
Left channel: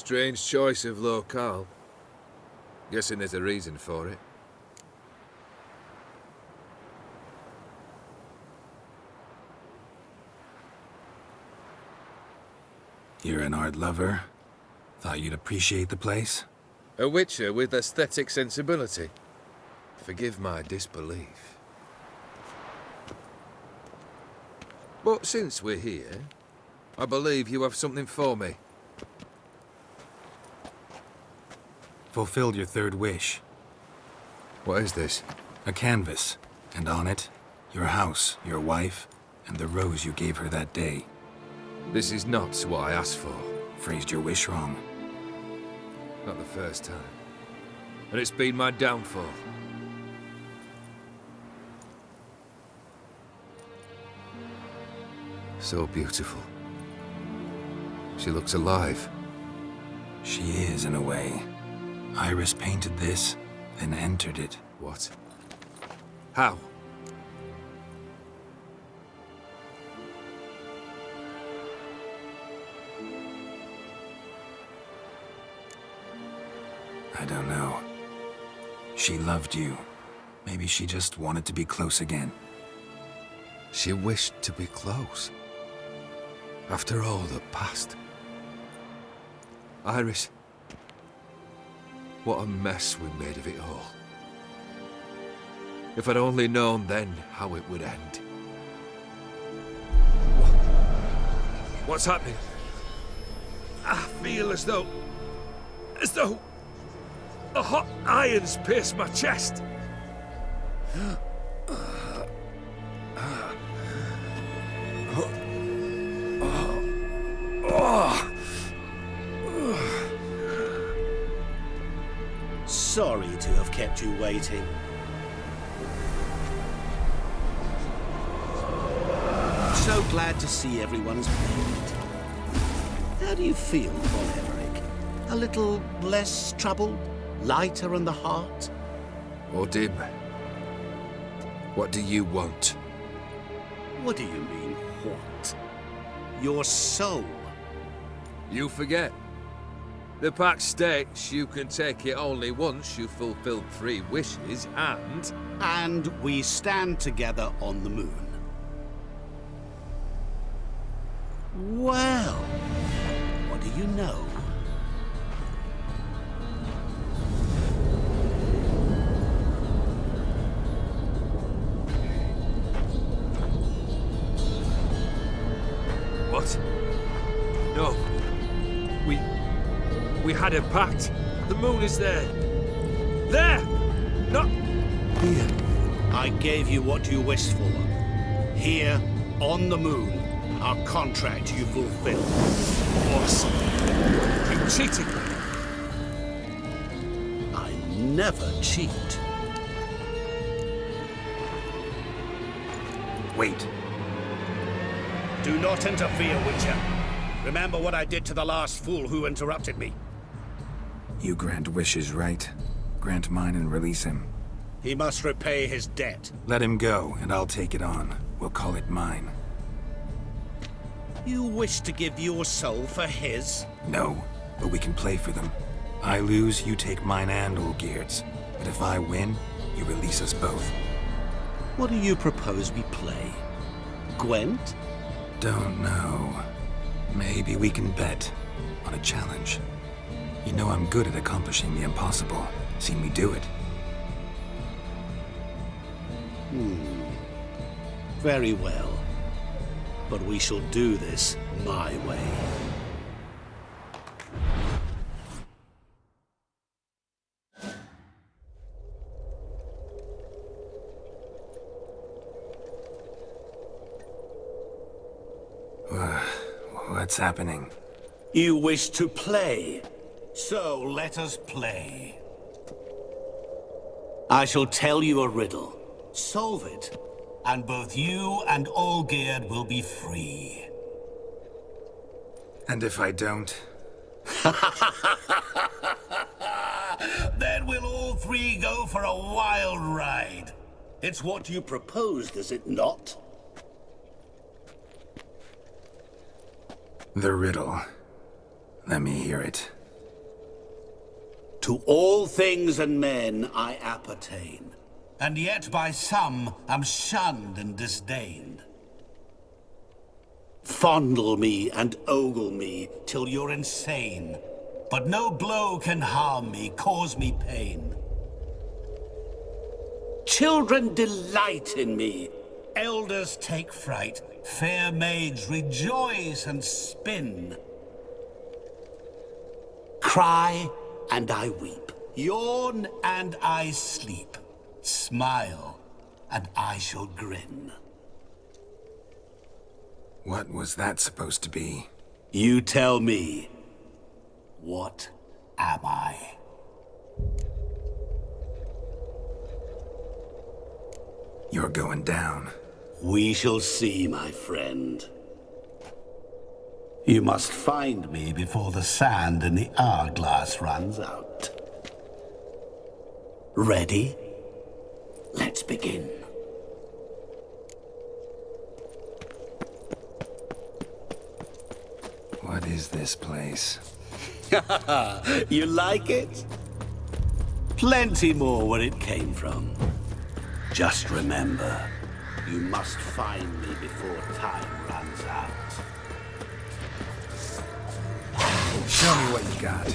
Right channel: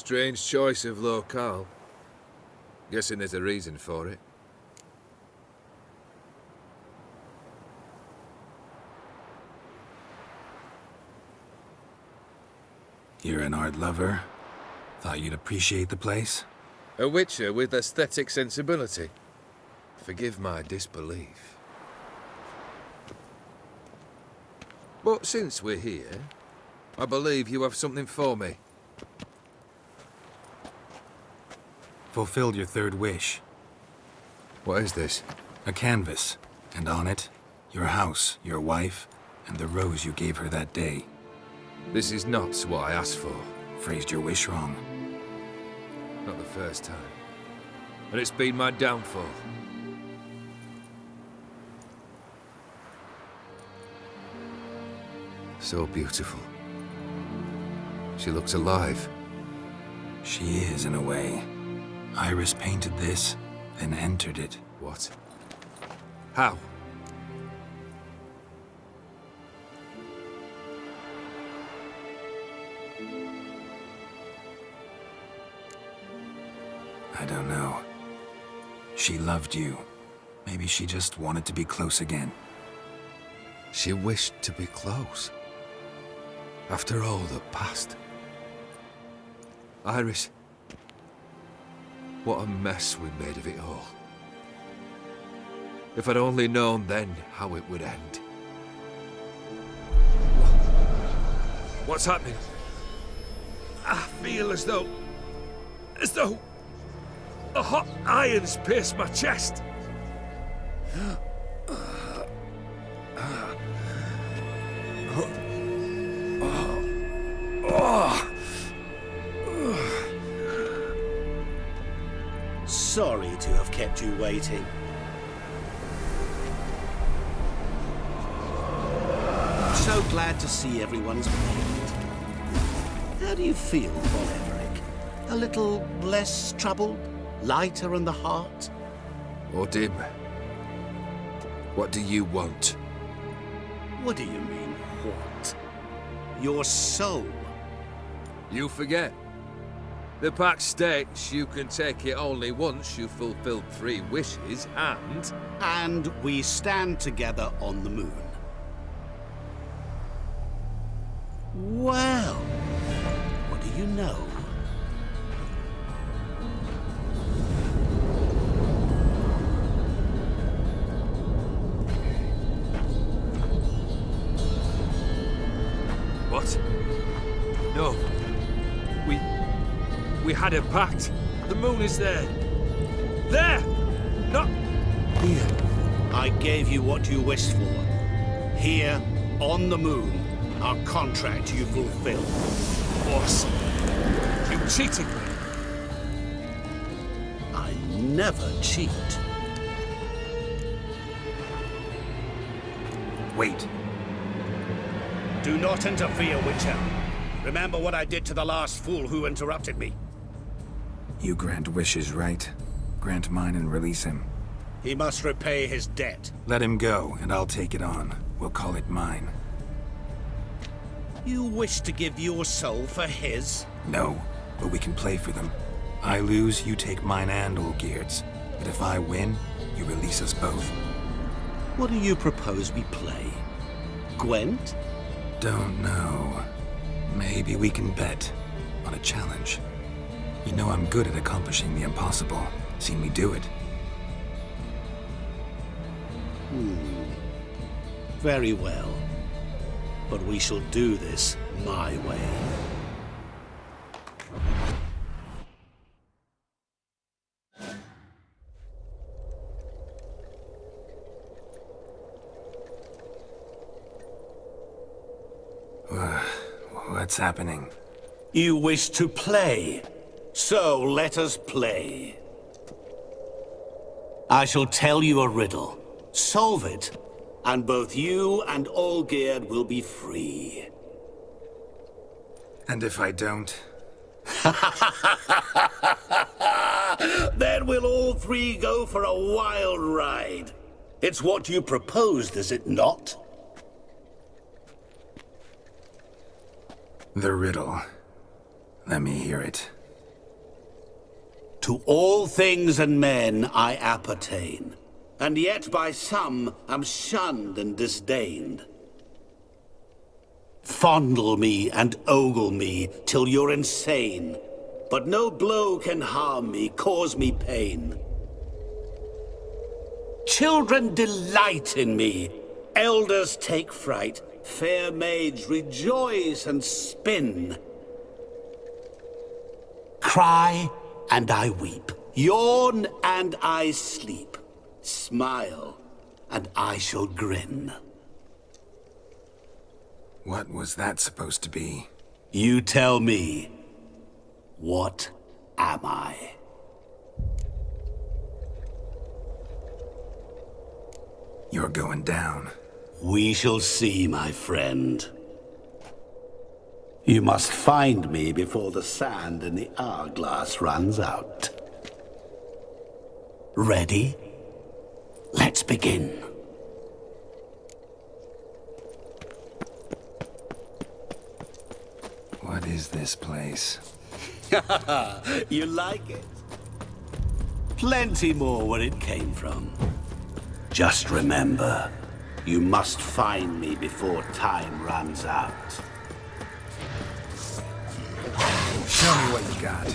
Strange choice of locale. Guessing there's a reason for it. You're an art lover. Thought you'd appreciate the place? A witcher with aesthetic sensibility. Forgive my disbelief. But since we're here, I believe you have something for me. Fulfilled your third wish. What is this? A canvas, and on it, your house, your wife, and the rose you gave her that day. This is not what I asked for. Phrased your wish wrong. Not the first time. And it's been my downfall. So beautiful. She looks alive. She is, in a way. Iris painted this, then entered it. What? How? I don't know. She loved you. Maybe she just wanted to be close again. She wished to be close. After all that passed. Iris. What a mess we made of it all. If I'd only known then how it would end. What's happening? I feel as though a hot iron's pierced my chest. Sorry to have kept you waiting. So glad to see everyone's made. How do you feel, Von Emmerich? A little less troubled? Lighter in the heart? Or dim? What do you want? What do you mean, what? Your soul. You forget. The pact states you can take it only once you've fulfilled 3 wishes, and... And we stand together on the moon. Well, what do you know? What? No. We had a pact. The moon is there. There! Not here. I gave you what you wished for. Here, on the moon, our contract you fulfilled. Awesome. You cheated me. I never cheat. Wait. Do not interfere, Witcher. Remember what I did to the last fool who interrupted me. You grant wishes, right? Grant mine and release him. He must repay his debt. Let him go, and I'll take it on. We'll call it mine. You wish to give your soul for his? No, but we can play for them. I lose, you take mine and Olgierd's. But if I win, you release us both. What do you propose we play? Gwent? Don't know. Maybe we can bet on a challenge. You know I'm good at accomplishing the impossible. Seen me do it. Very well. But we shall do this my way. What's happening? You wish to play, so let us play. I shall tell you a riddle. Solve it, and both you and Olgierd will be free. And if I don't? Then we'll all 3 go for a wild ride. It's what you proposed, is it not? The riddle. Let me hear it. To all things and men I appertain, and yet by some am shunned and disdained. Fondle me and ogle me till you're insane, but no blow can harm me, cause me pain. Children delight in me, elders take fright, fair maids rejoice and spin. Cry and I weep, yawn and I sleep, smile and I shall grin. What was that supposed to be? You tell me, what am I? You're going down. We shall see, my friend. You must find me before the sand in the hourglass runs out. Ready? Let's begin. What is this place? You like it? Plenty more where it came from. Just remember, you must find me before time runs out. Show me what you got.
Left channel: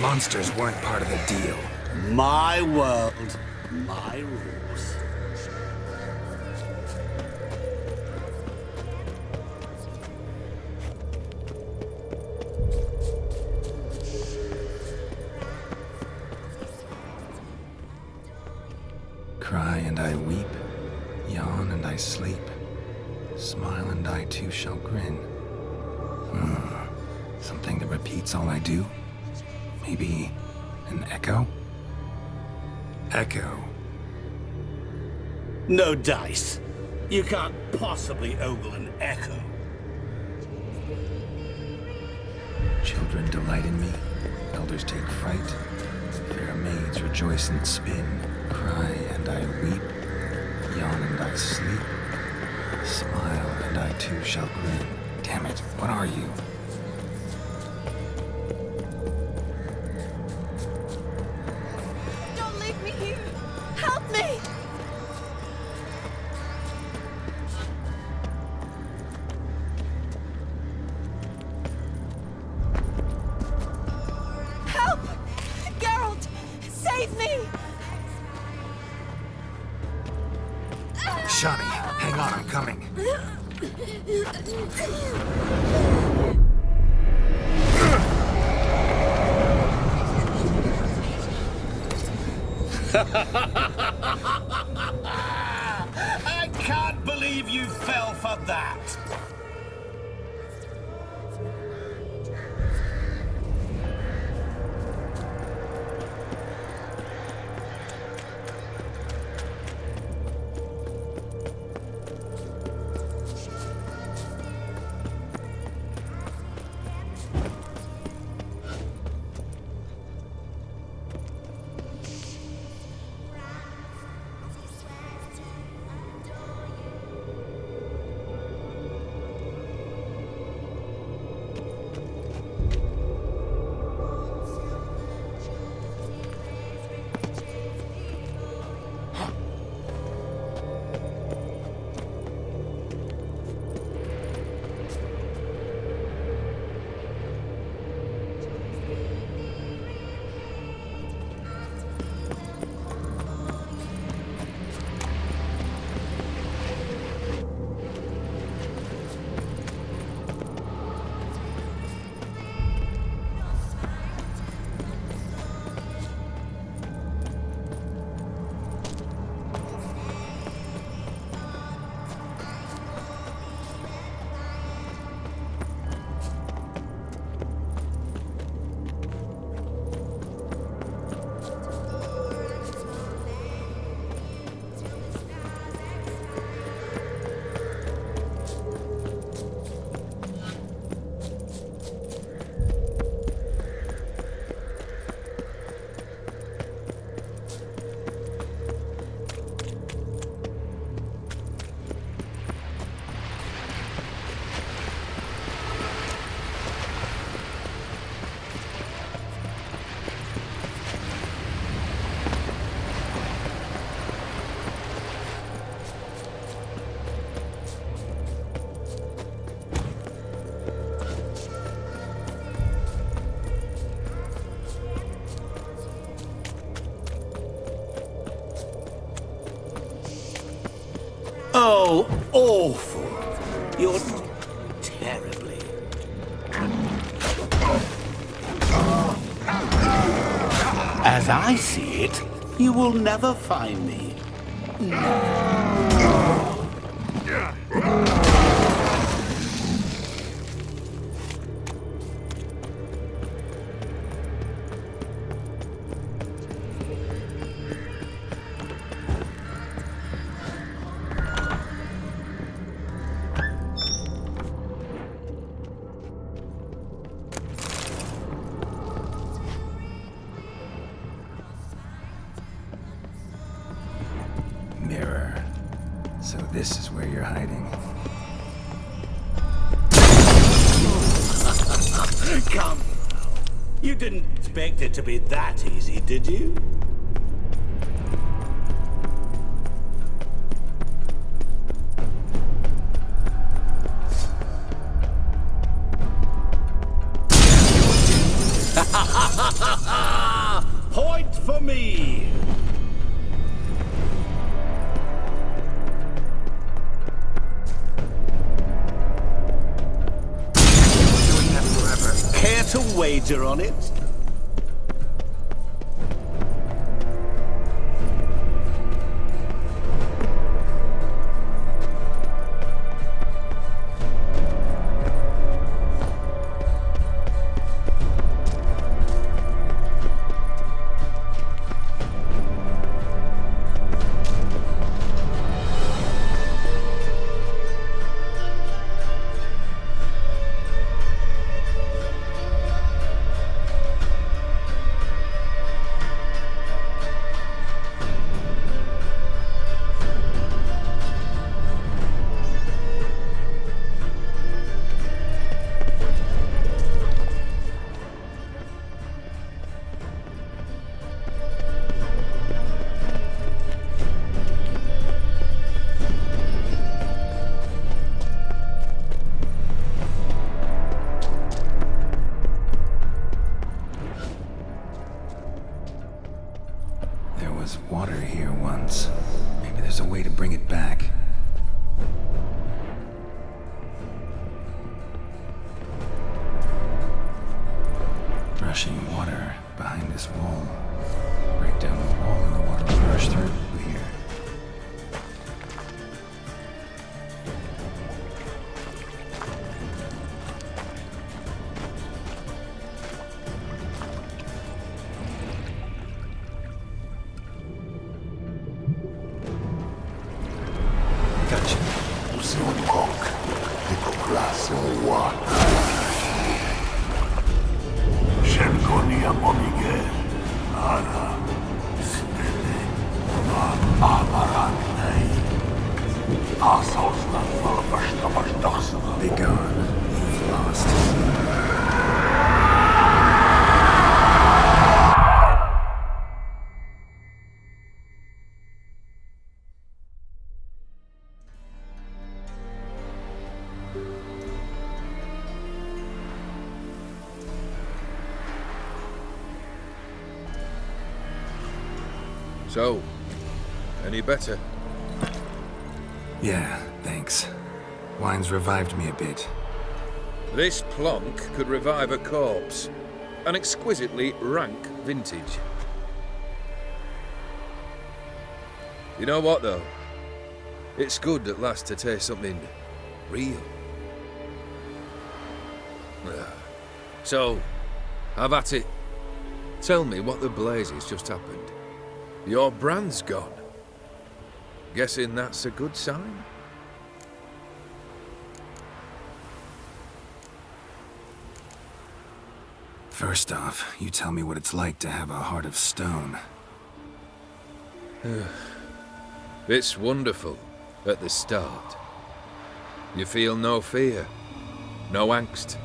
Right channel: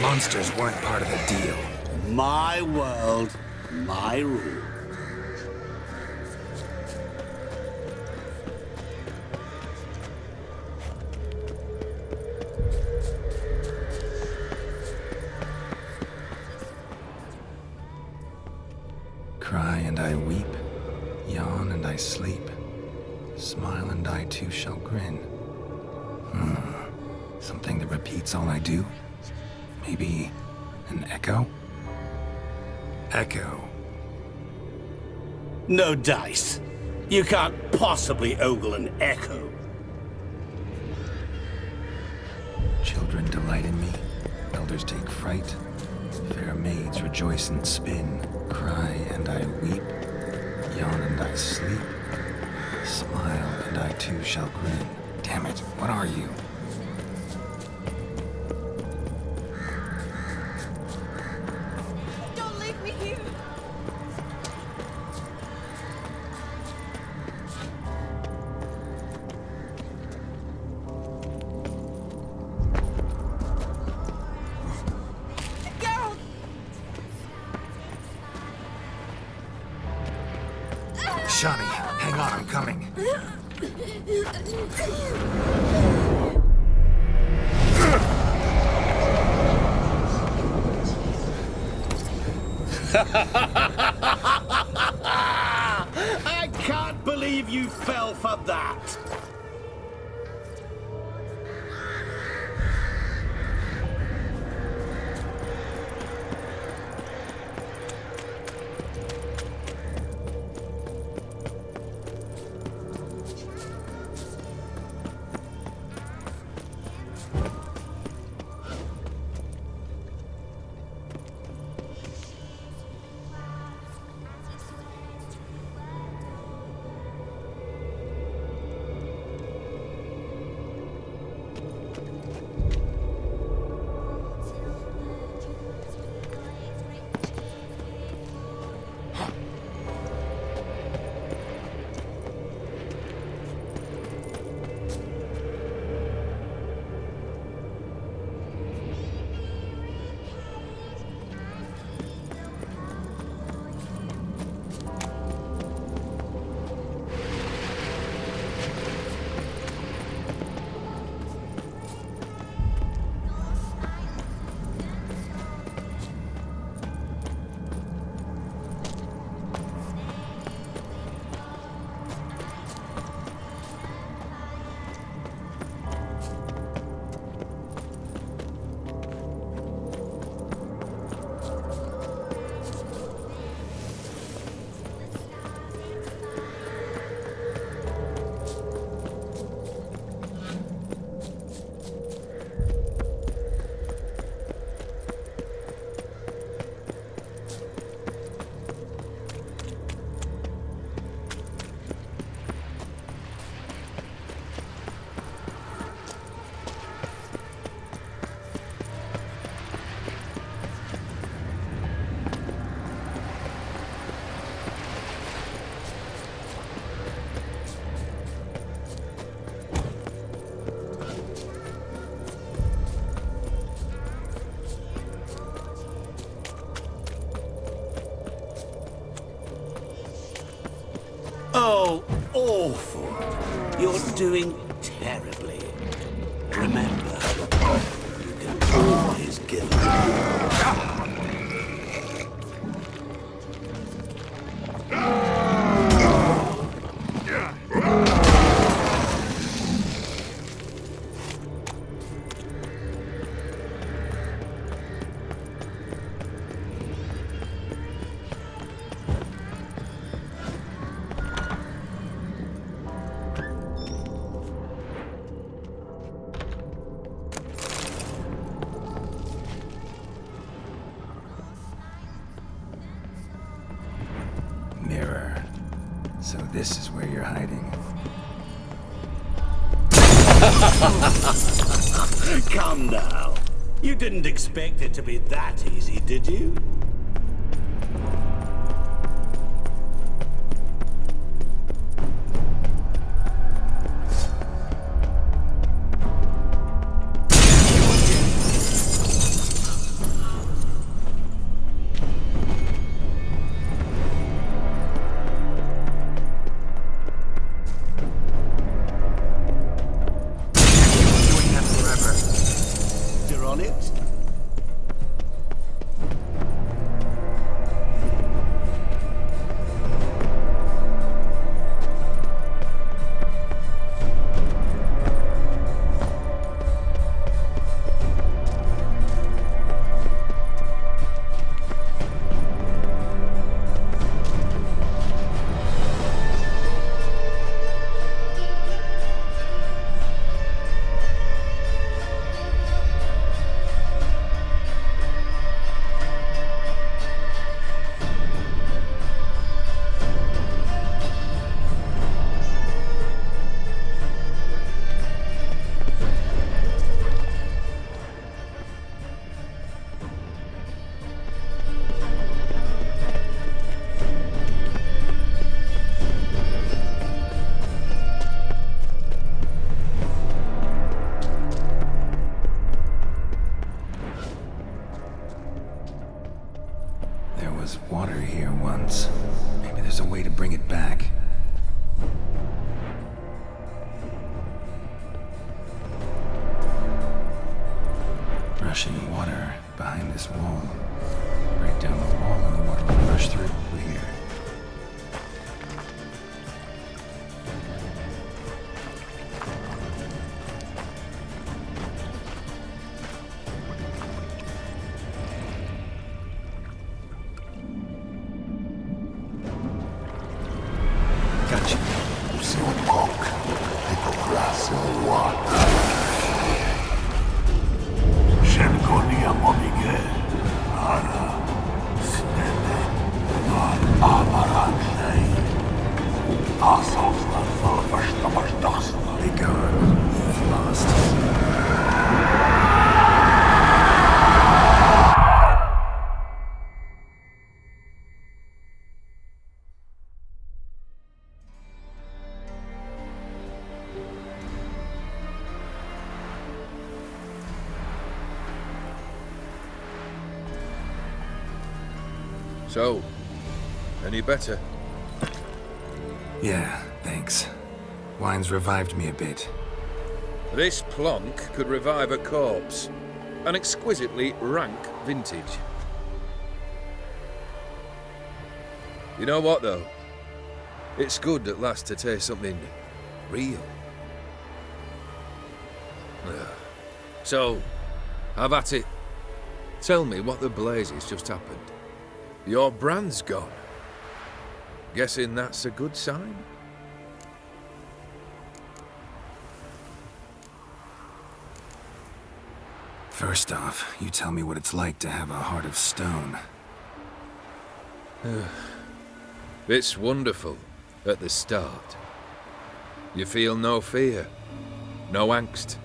Monsters weren't part of the deal. My world, my rules. Cry and I weep, yawn and I sleep, smile and I too shall grin. Something that repeats all I do? Maybe an echo? Echo. No dice. You can't possibly ogle an echo. Children delight in me, elders take fright, fair maids rejoice and spin. Cry and I weep, yawn and I sleep, smile and I too shall grin. Damn it, what are you? Don't leave me here! Help me! Help! Geralt! Save me! Shani, hang on, I'm coming. I can't believe you fell for that! awful. You're doing terribly. Remember, you can always go. As I see it, you will never find me. Mirror. So this is where you're hiding. Come now. You didn't expect it to be that easy, did you? Point for me! Doing that forever. Care to wager on it? There was water here once. Maybe there's a way to bring it back. Rushing water behind this wall. Break down the wall and the water will rush through here. Gotcha. Be gone. You've lost. So, any better? Yeah, thanks. Wine's revived me a bit. This plonk could revive a corpse. An exquisitely rank vintage. You know what, though? It's good at last to taste something real. So, have at it. Tell me what the blazes just happened. Your brand's gone. Guessing that's a good sign? First off, you tell me what it's like to have a heart of stone. It's wonderful at the start. You feel no fear, no angst,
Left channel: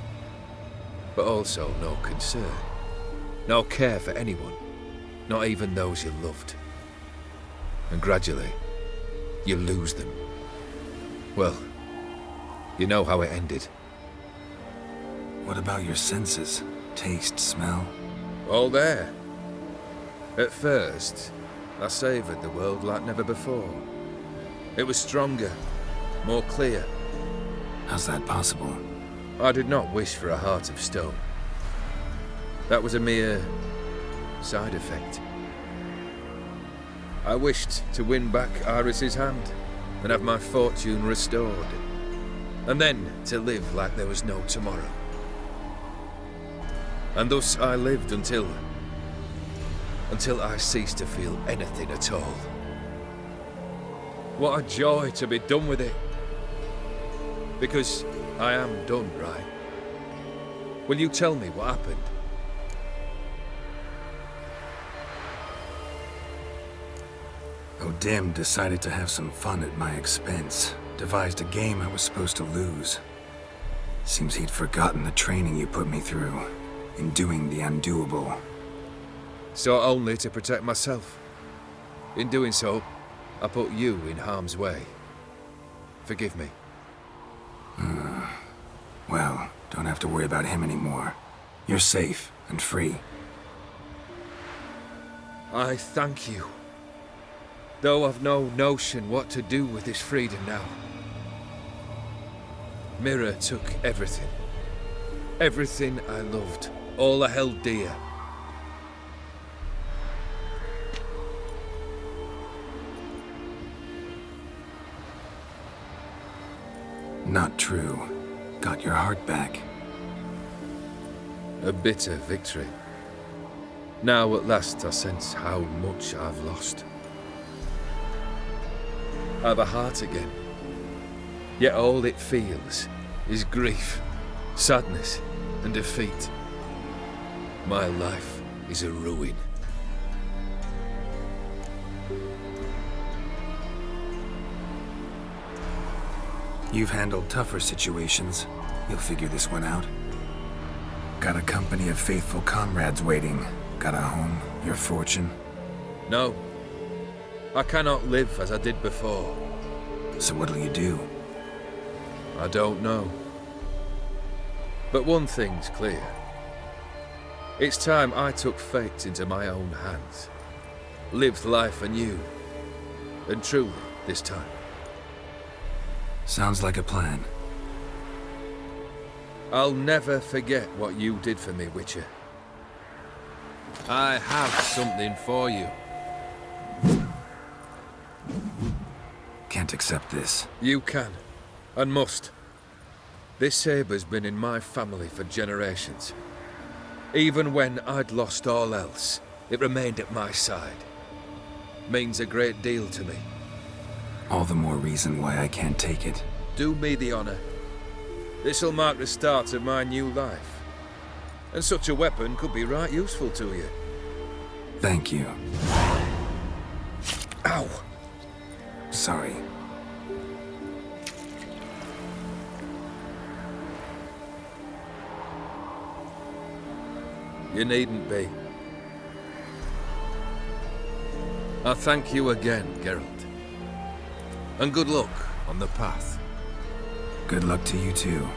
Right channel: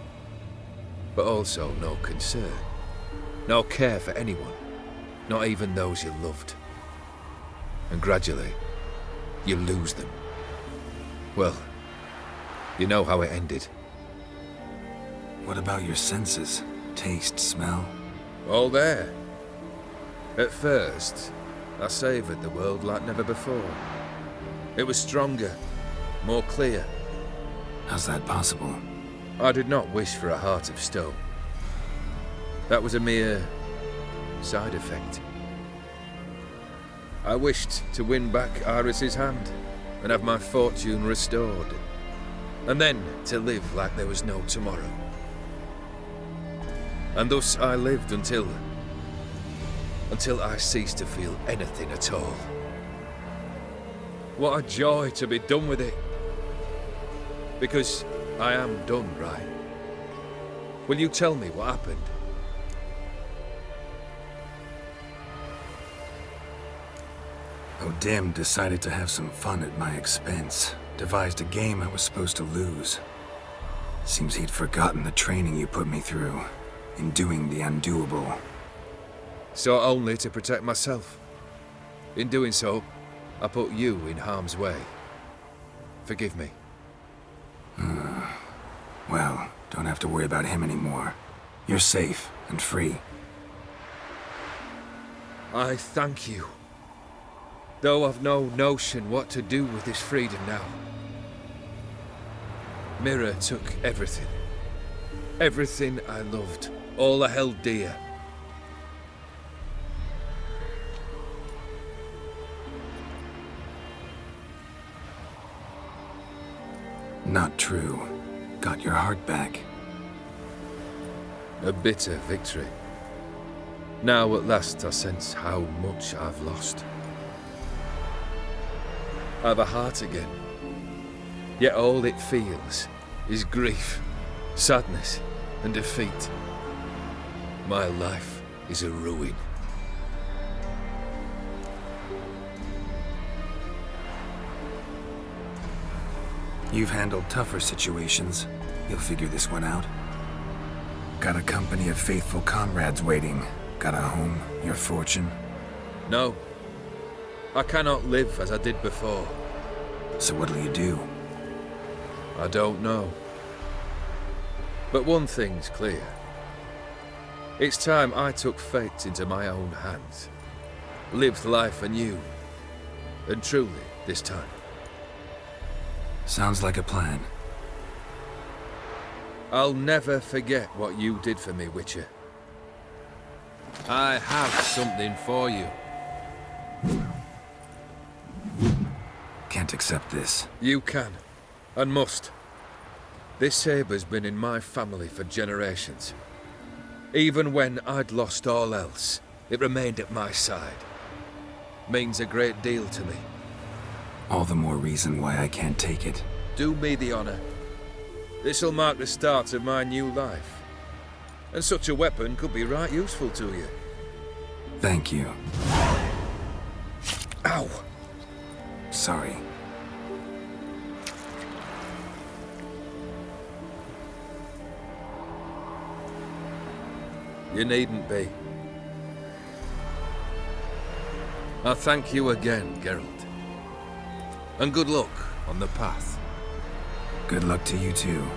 but also no concern, no care for anyone, not even those you loved. And gradually, you lose them. Well, you know how it ended. What about your senses? Taste, smell? All there. At first, I savoured the world like never before. It was stronger, more clear. How's that possible? I did not wish for a heart of stone. That was a mere side effect. I wished to win back Aorus's hand and have my fortune restored, and then to live like there was no tomorrow. And thus I lived until I ceased to feel anything at all. What a joy to be done with it. Because I am done, right? Will you tell me what happened? O'Dim decided to have some fun at my expense. Devised a game I was supposed to lose. Seems he'd forgotten the training you put me through in doing the undoable. So only to protect myself. In doing so, I put you in harm's way. Forgive me. Well, don't have to worry about him anymore. You're safe and free. I thank you. Though I've no notion what to do with this freedom now. Mira took everything. Everything I loved. All I held dear. Not true. Got your heart back. A bitter victory. Now at last I sense how much I've lost. I've a heart again. Yet all it feels is grief, sadness, and defeat. My life is a ruin. You've handled tougher situations. You'll figure this one out. Got a company of faithful comrades waiting. Got a home, your fortune. No. I cannot live as I did before. So what'll you do? I don't know. But one thing's clear. It's time I took fate into my own hands. Lived life anew. And truly, this time. Sounds like a plan. I'll never forget what you did for me, Witcher. I have something for you. Can't accept this. You can, and must. This sabre's been in my family for generations. Even when I'd lost all else, it remained at my side. Means a great deal to me. All the more reason why I can't take it. Do me the honor. This'll mark the start of my new life. And such a weapon could be right useful to you. Thank you. Ow! Sorry. You needn't be. I thank you again, Geralt. And good luck on the path. Good luck to you too.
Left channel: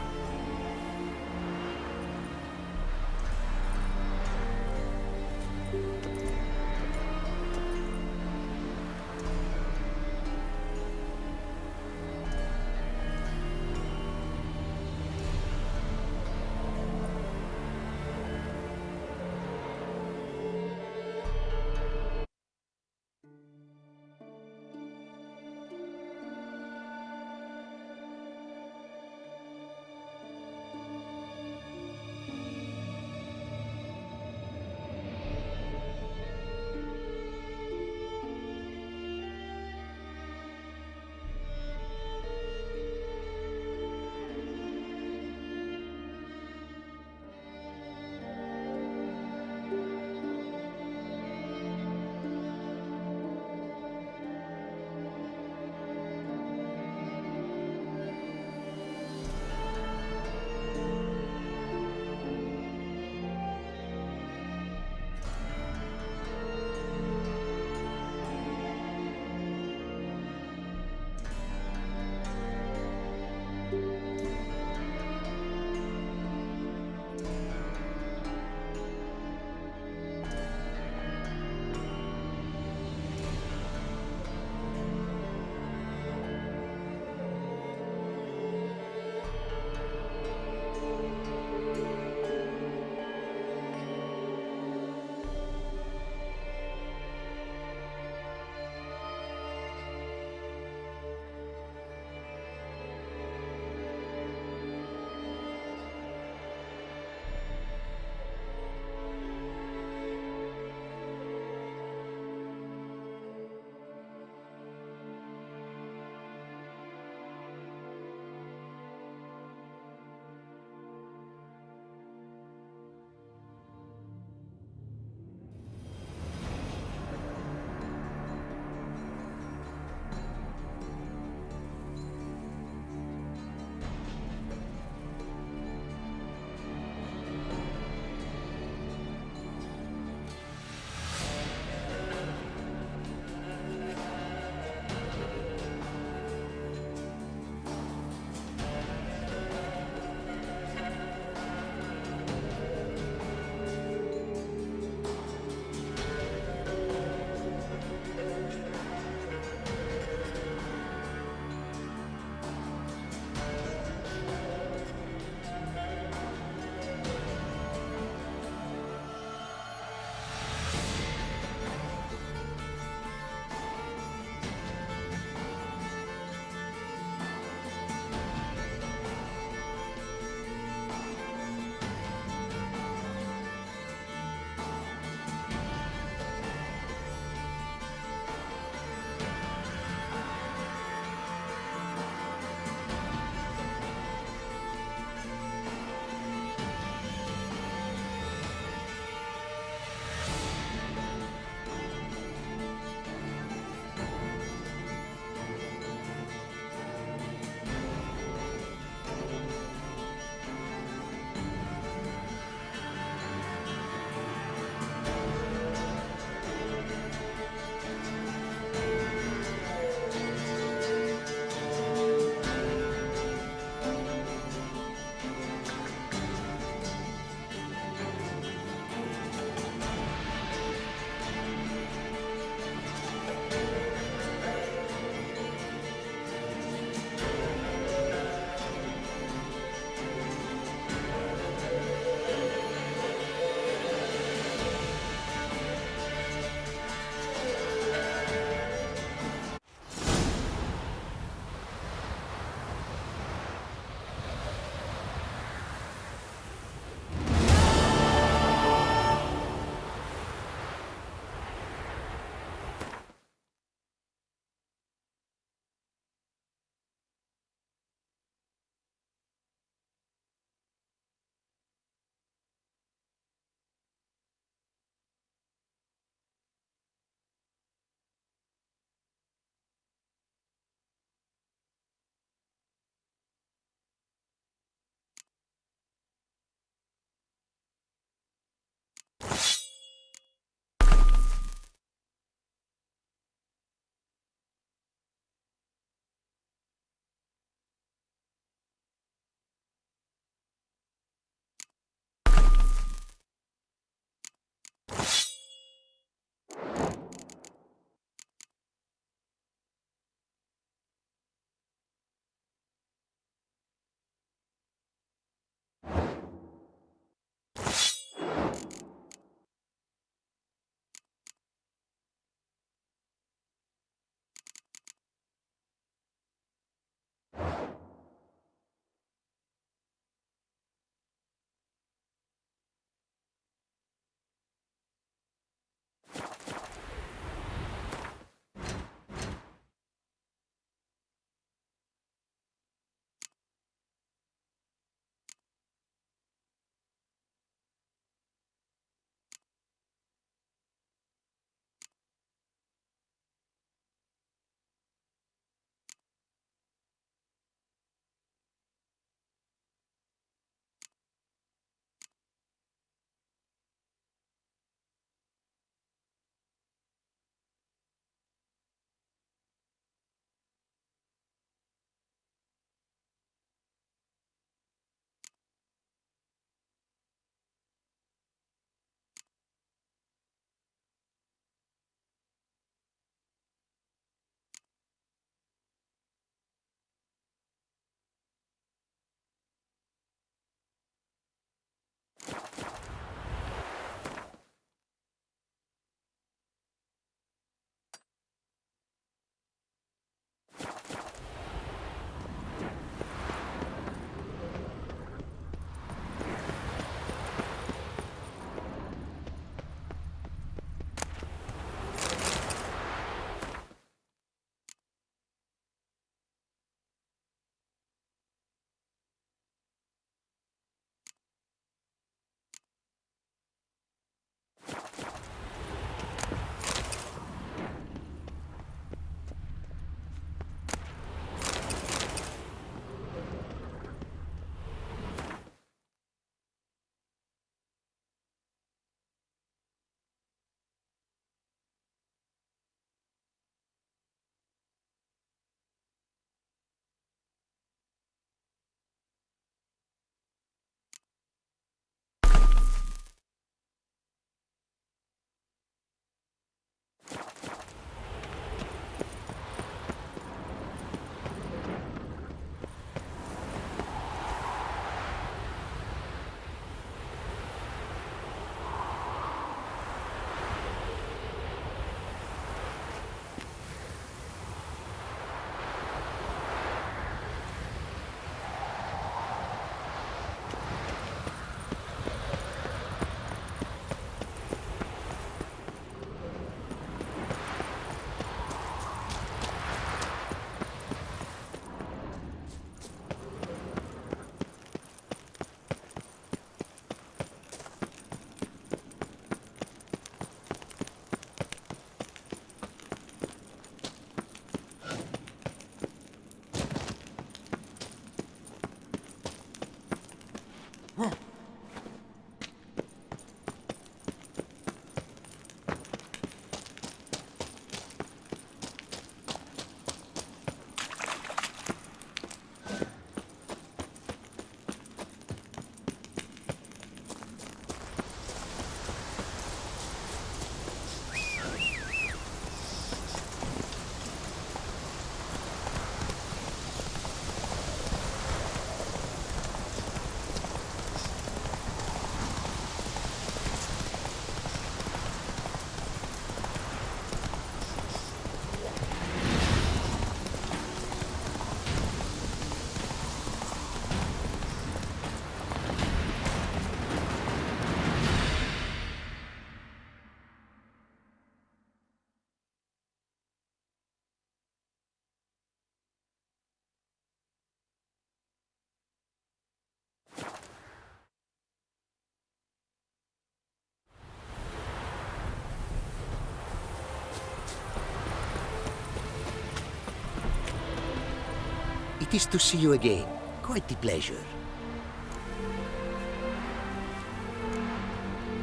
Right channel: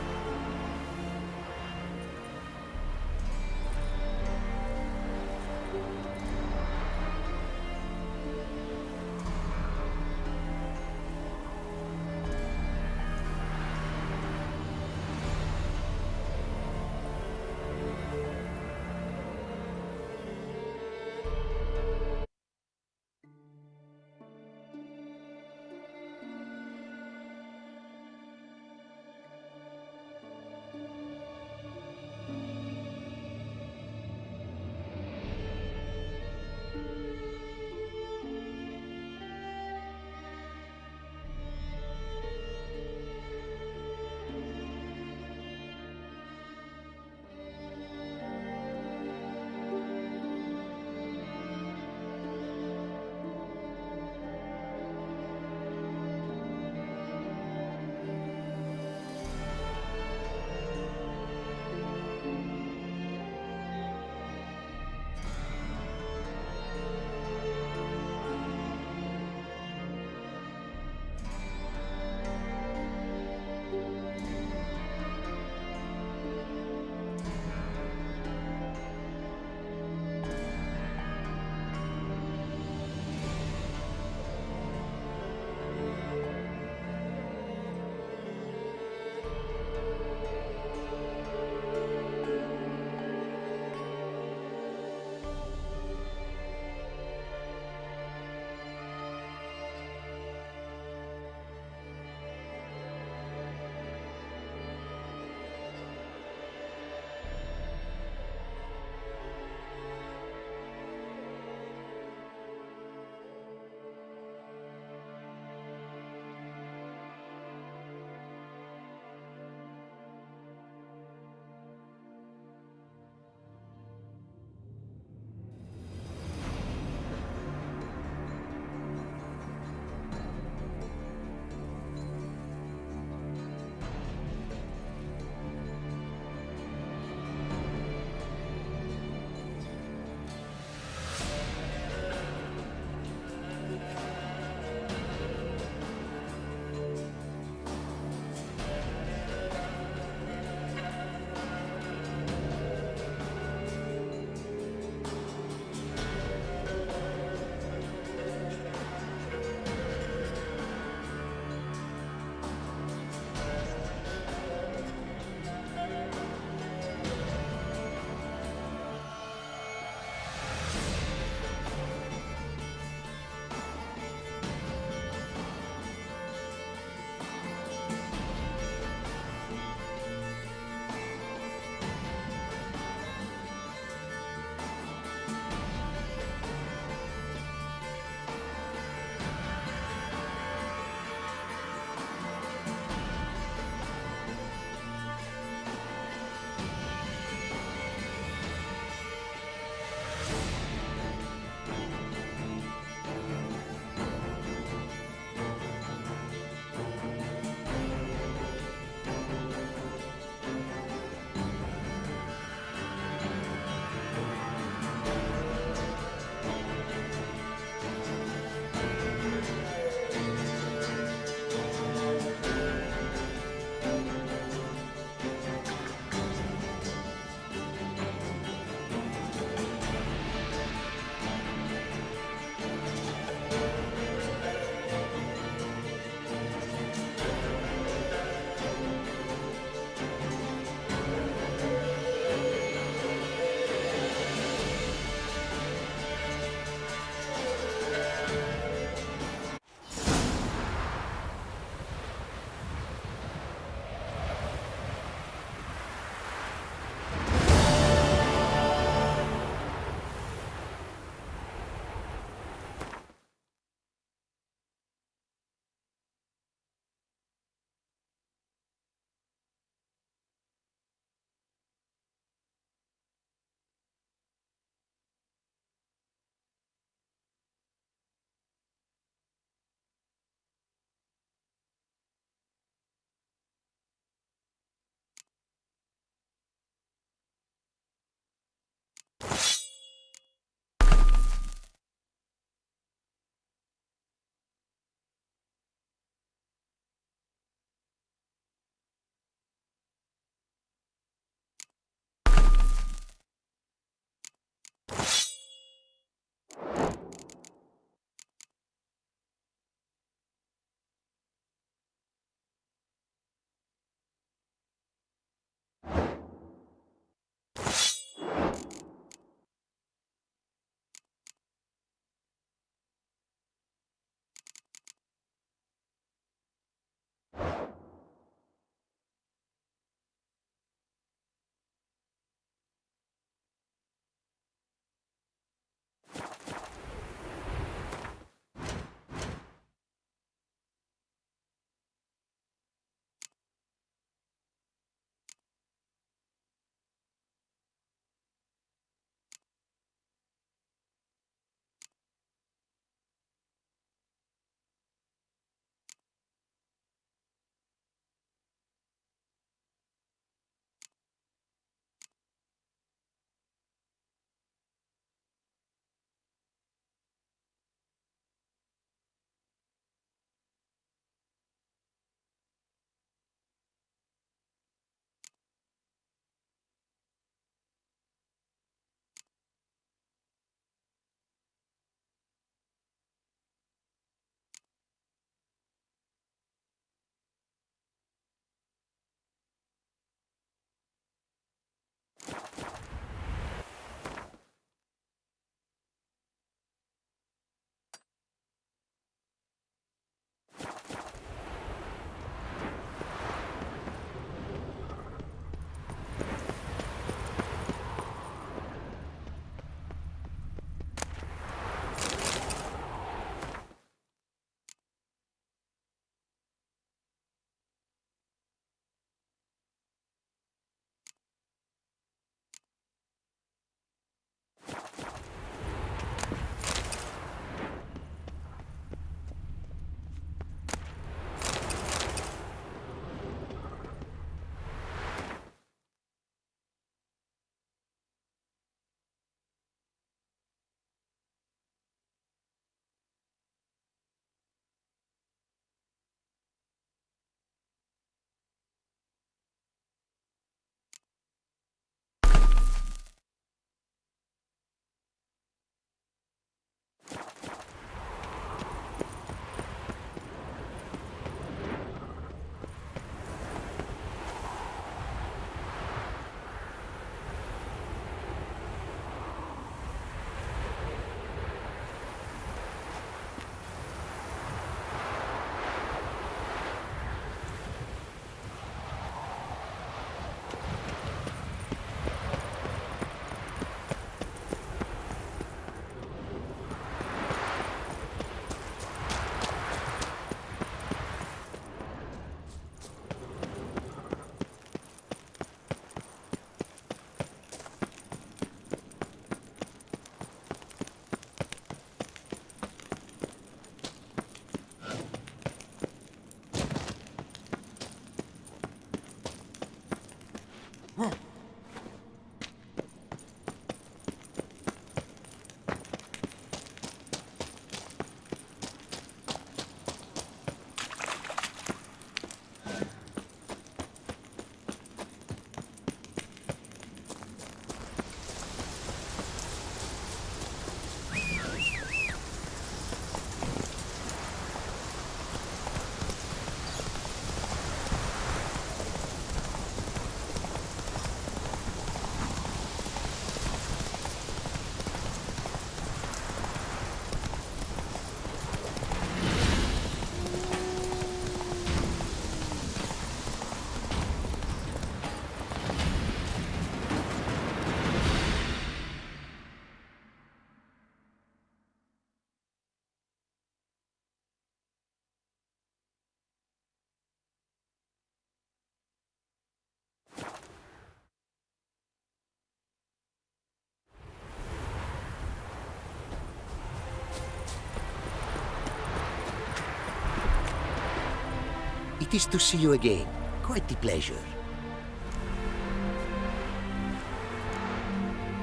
It is to see you again. Quite the pleasure.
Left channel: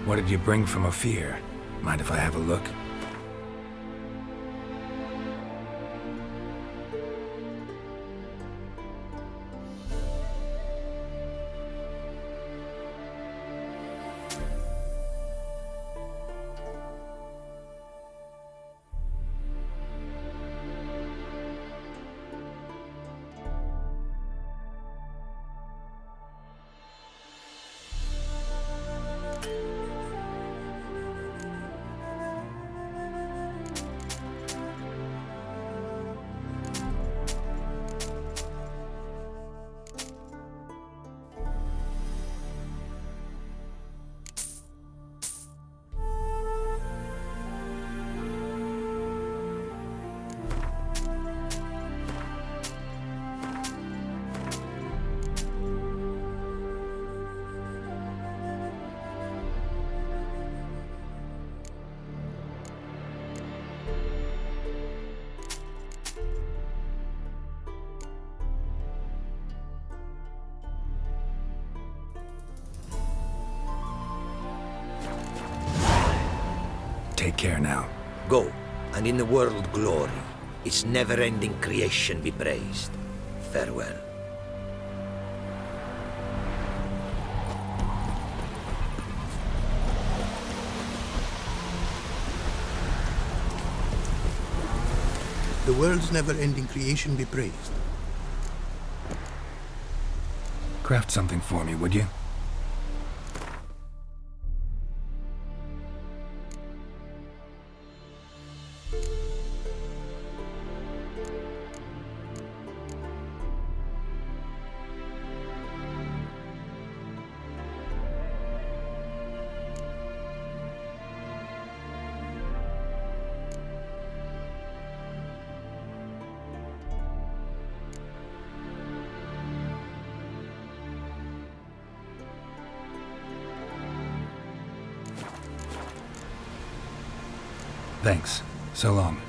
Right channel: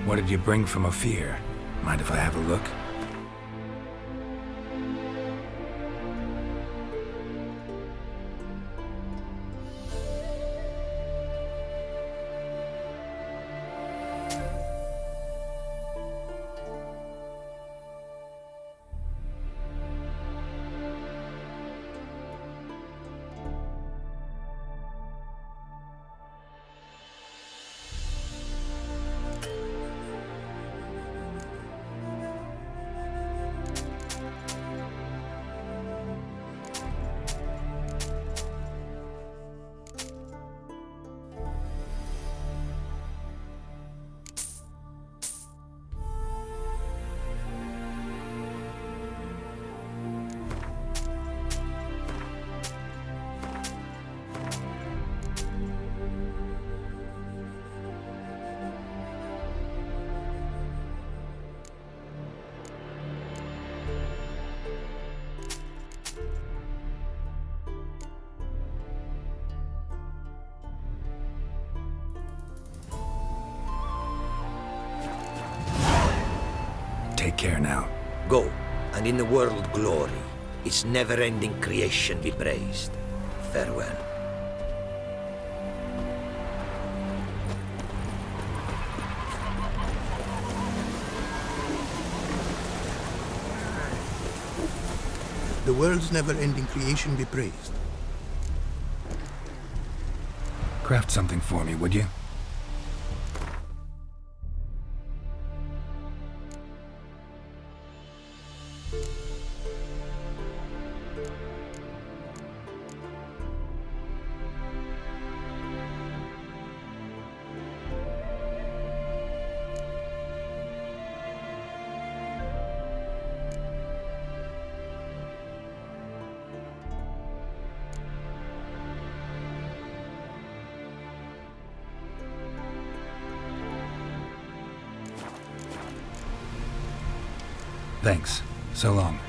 What did you bring from Ophir? Mind if I have a look? Take care now. Go, and in the world glory, its never-ending creation be praised. Farewell. The world's never-ending creation be praised. Craft something for me, would you? Thanks. So long.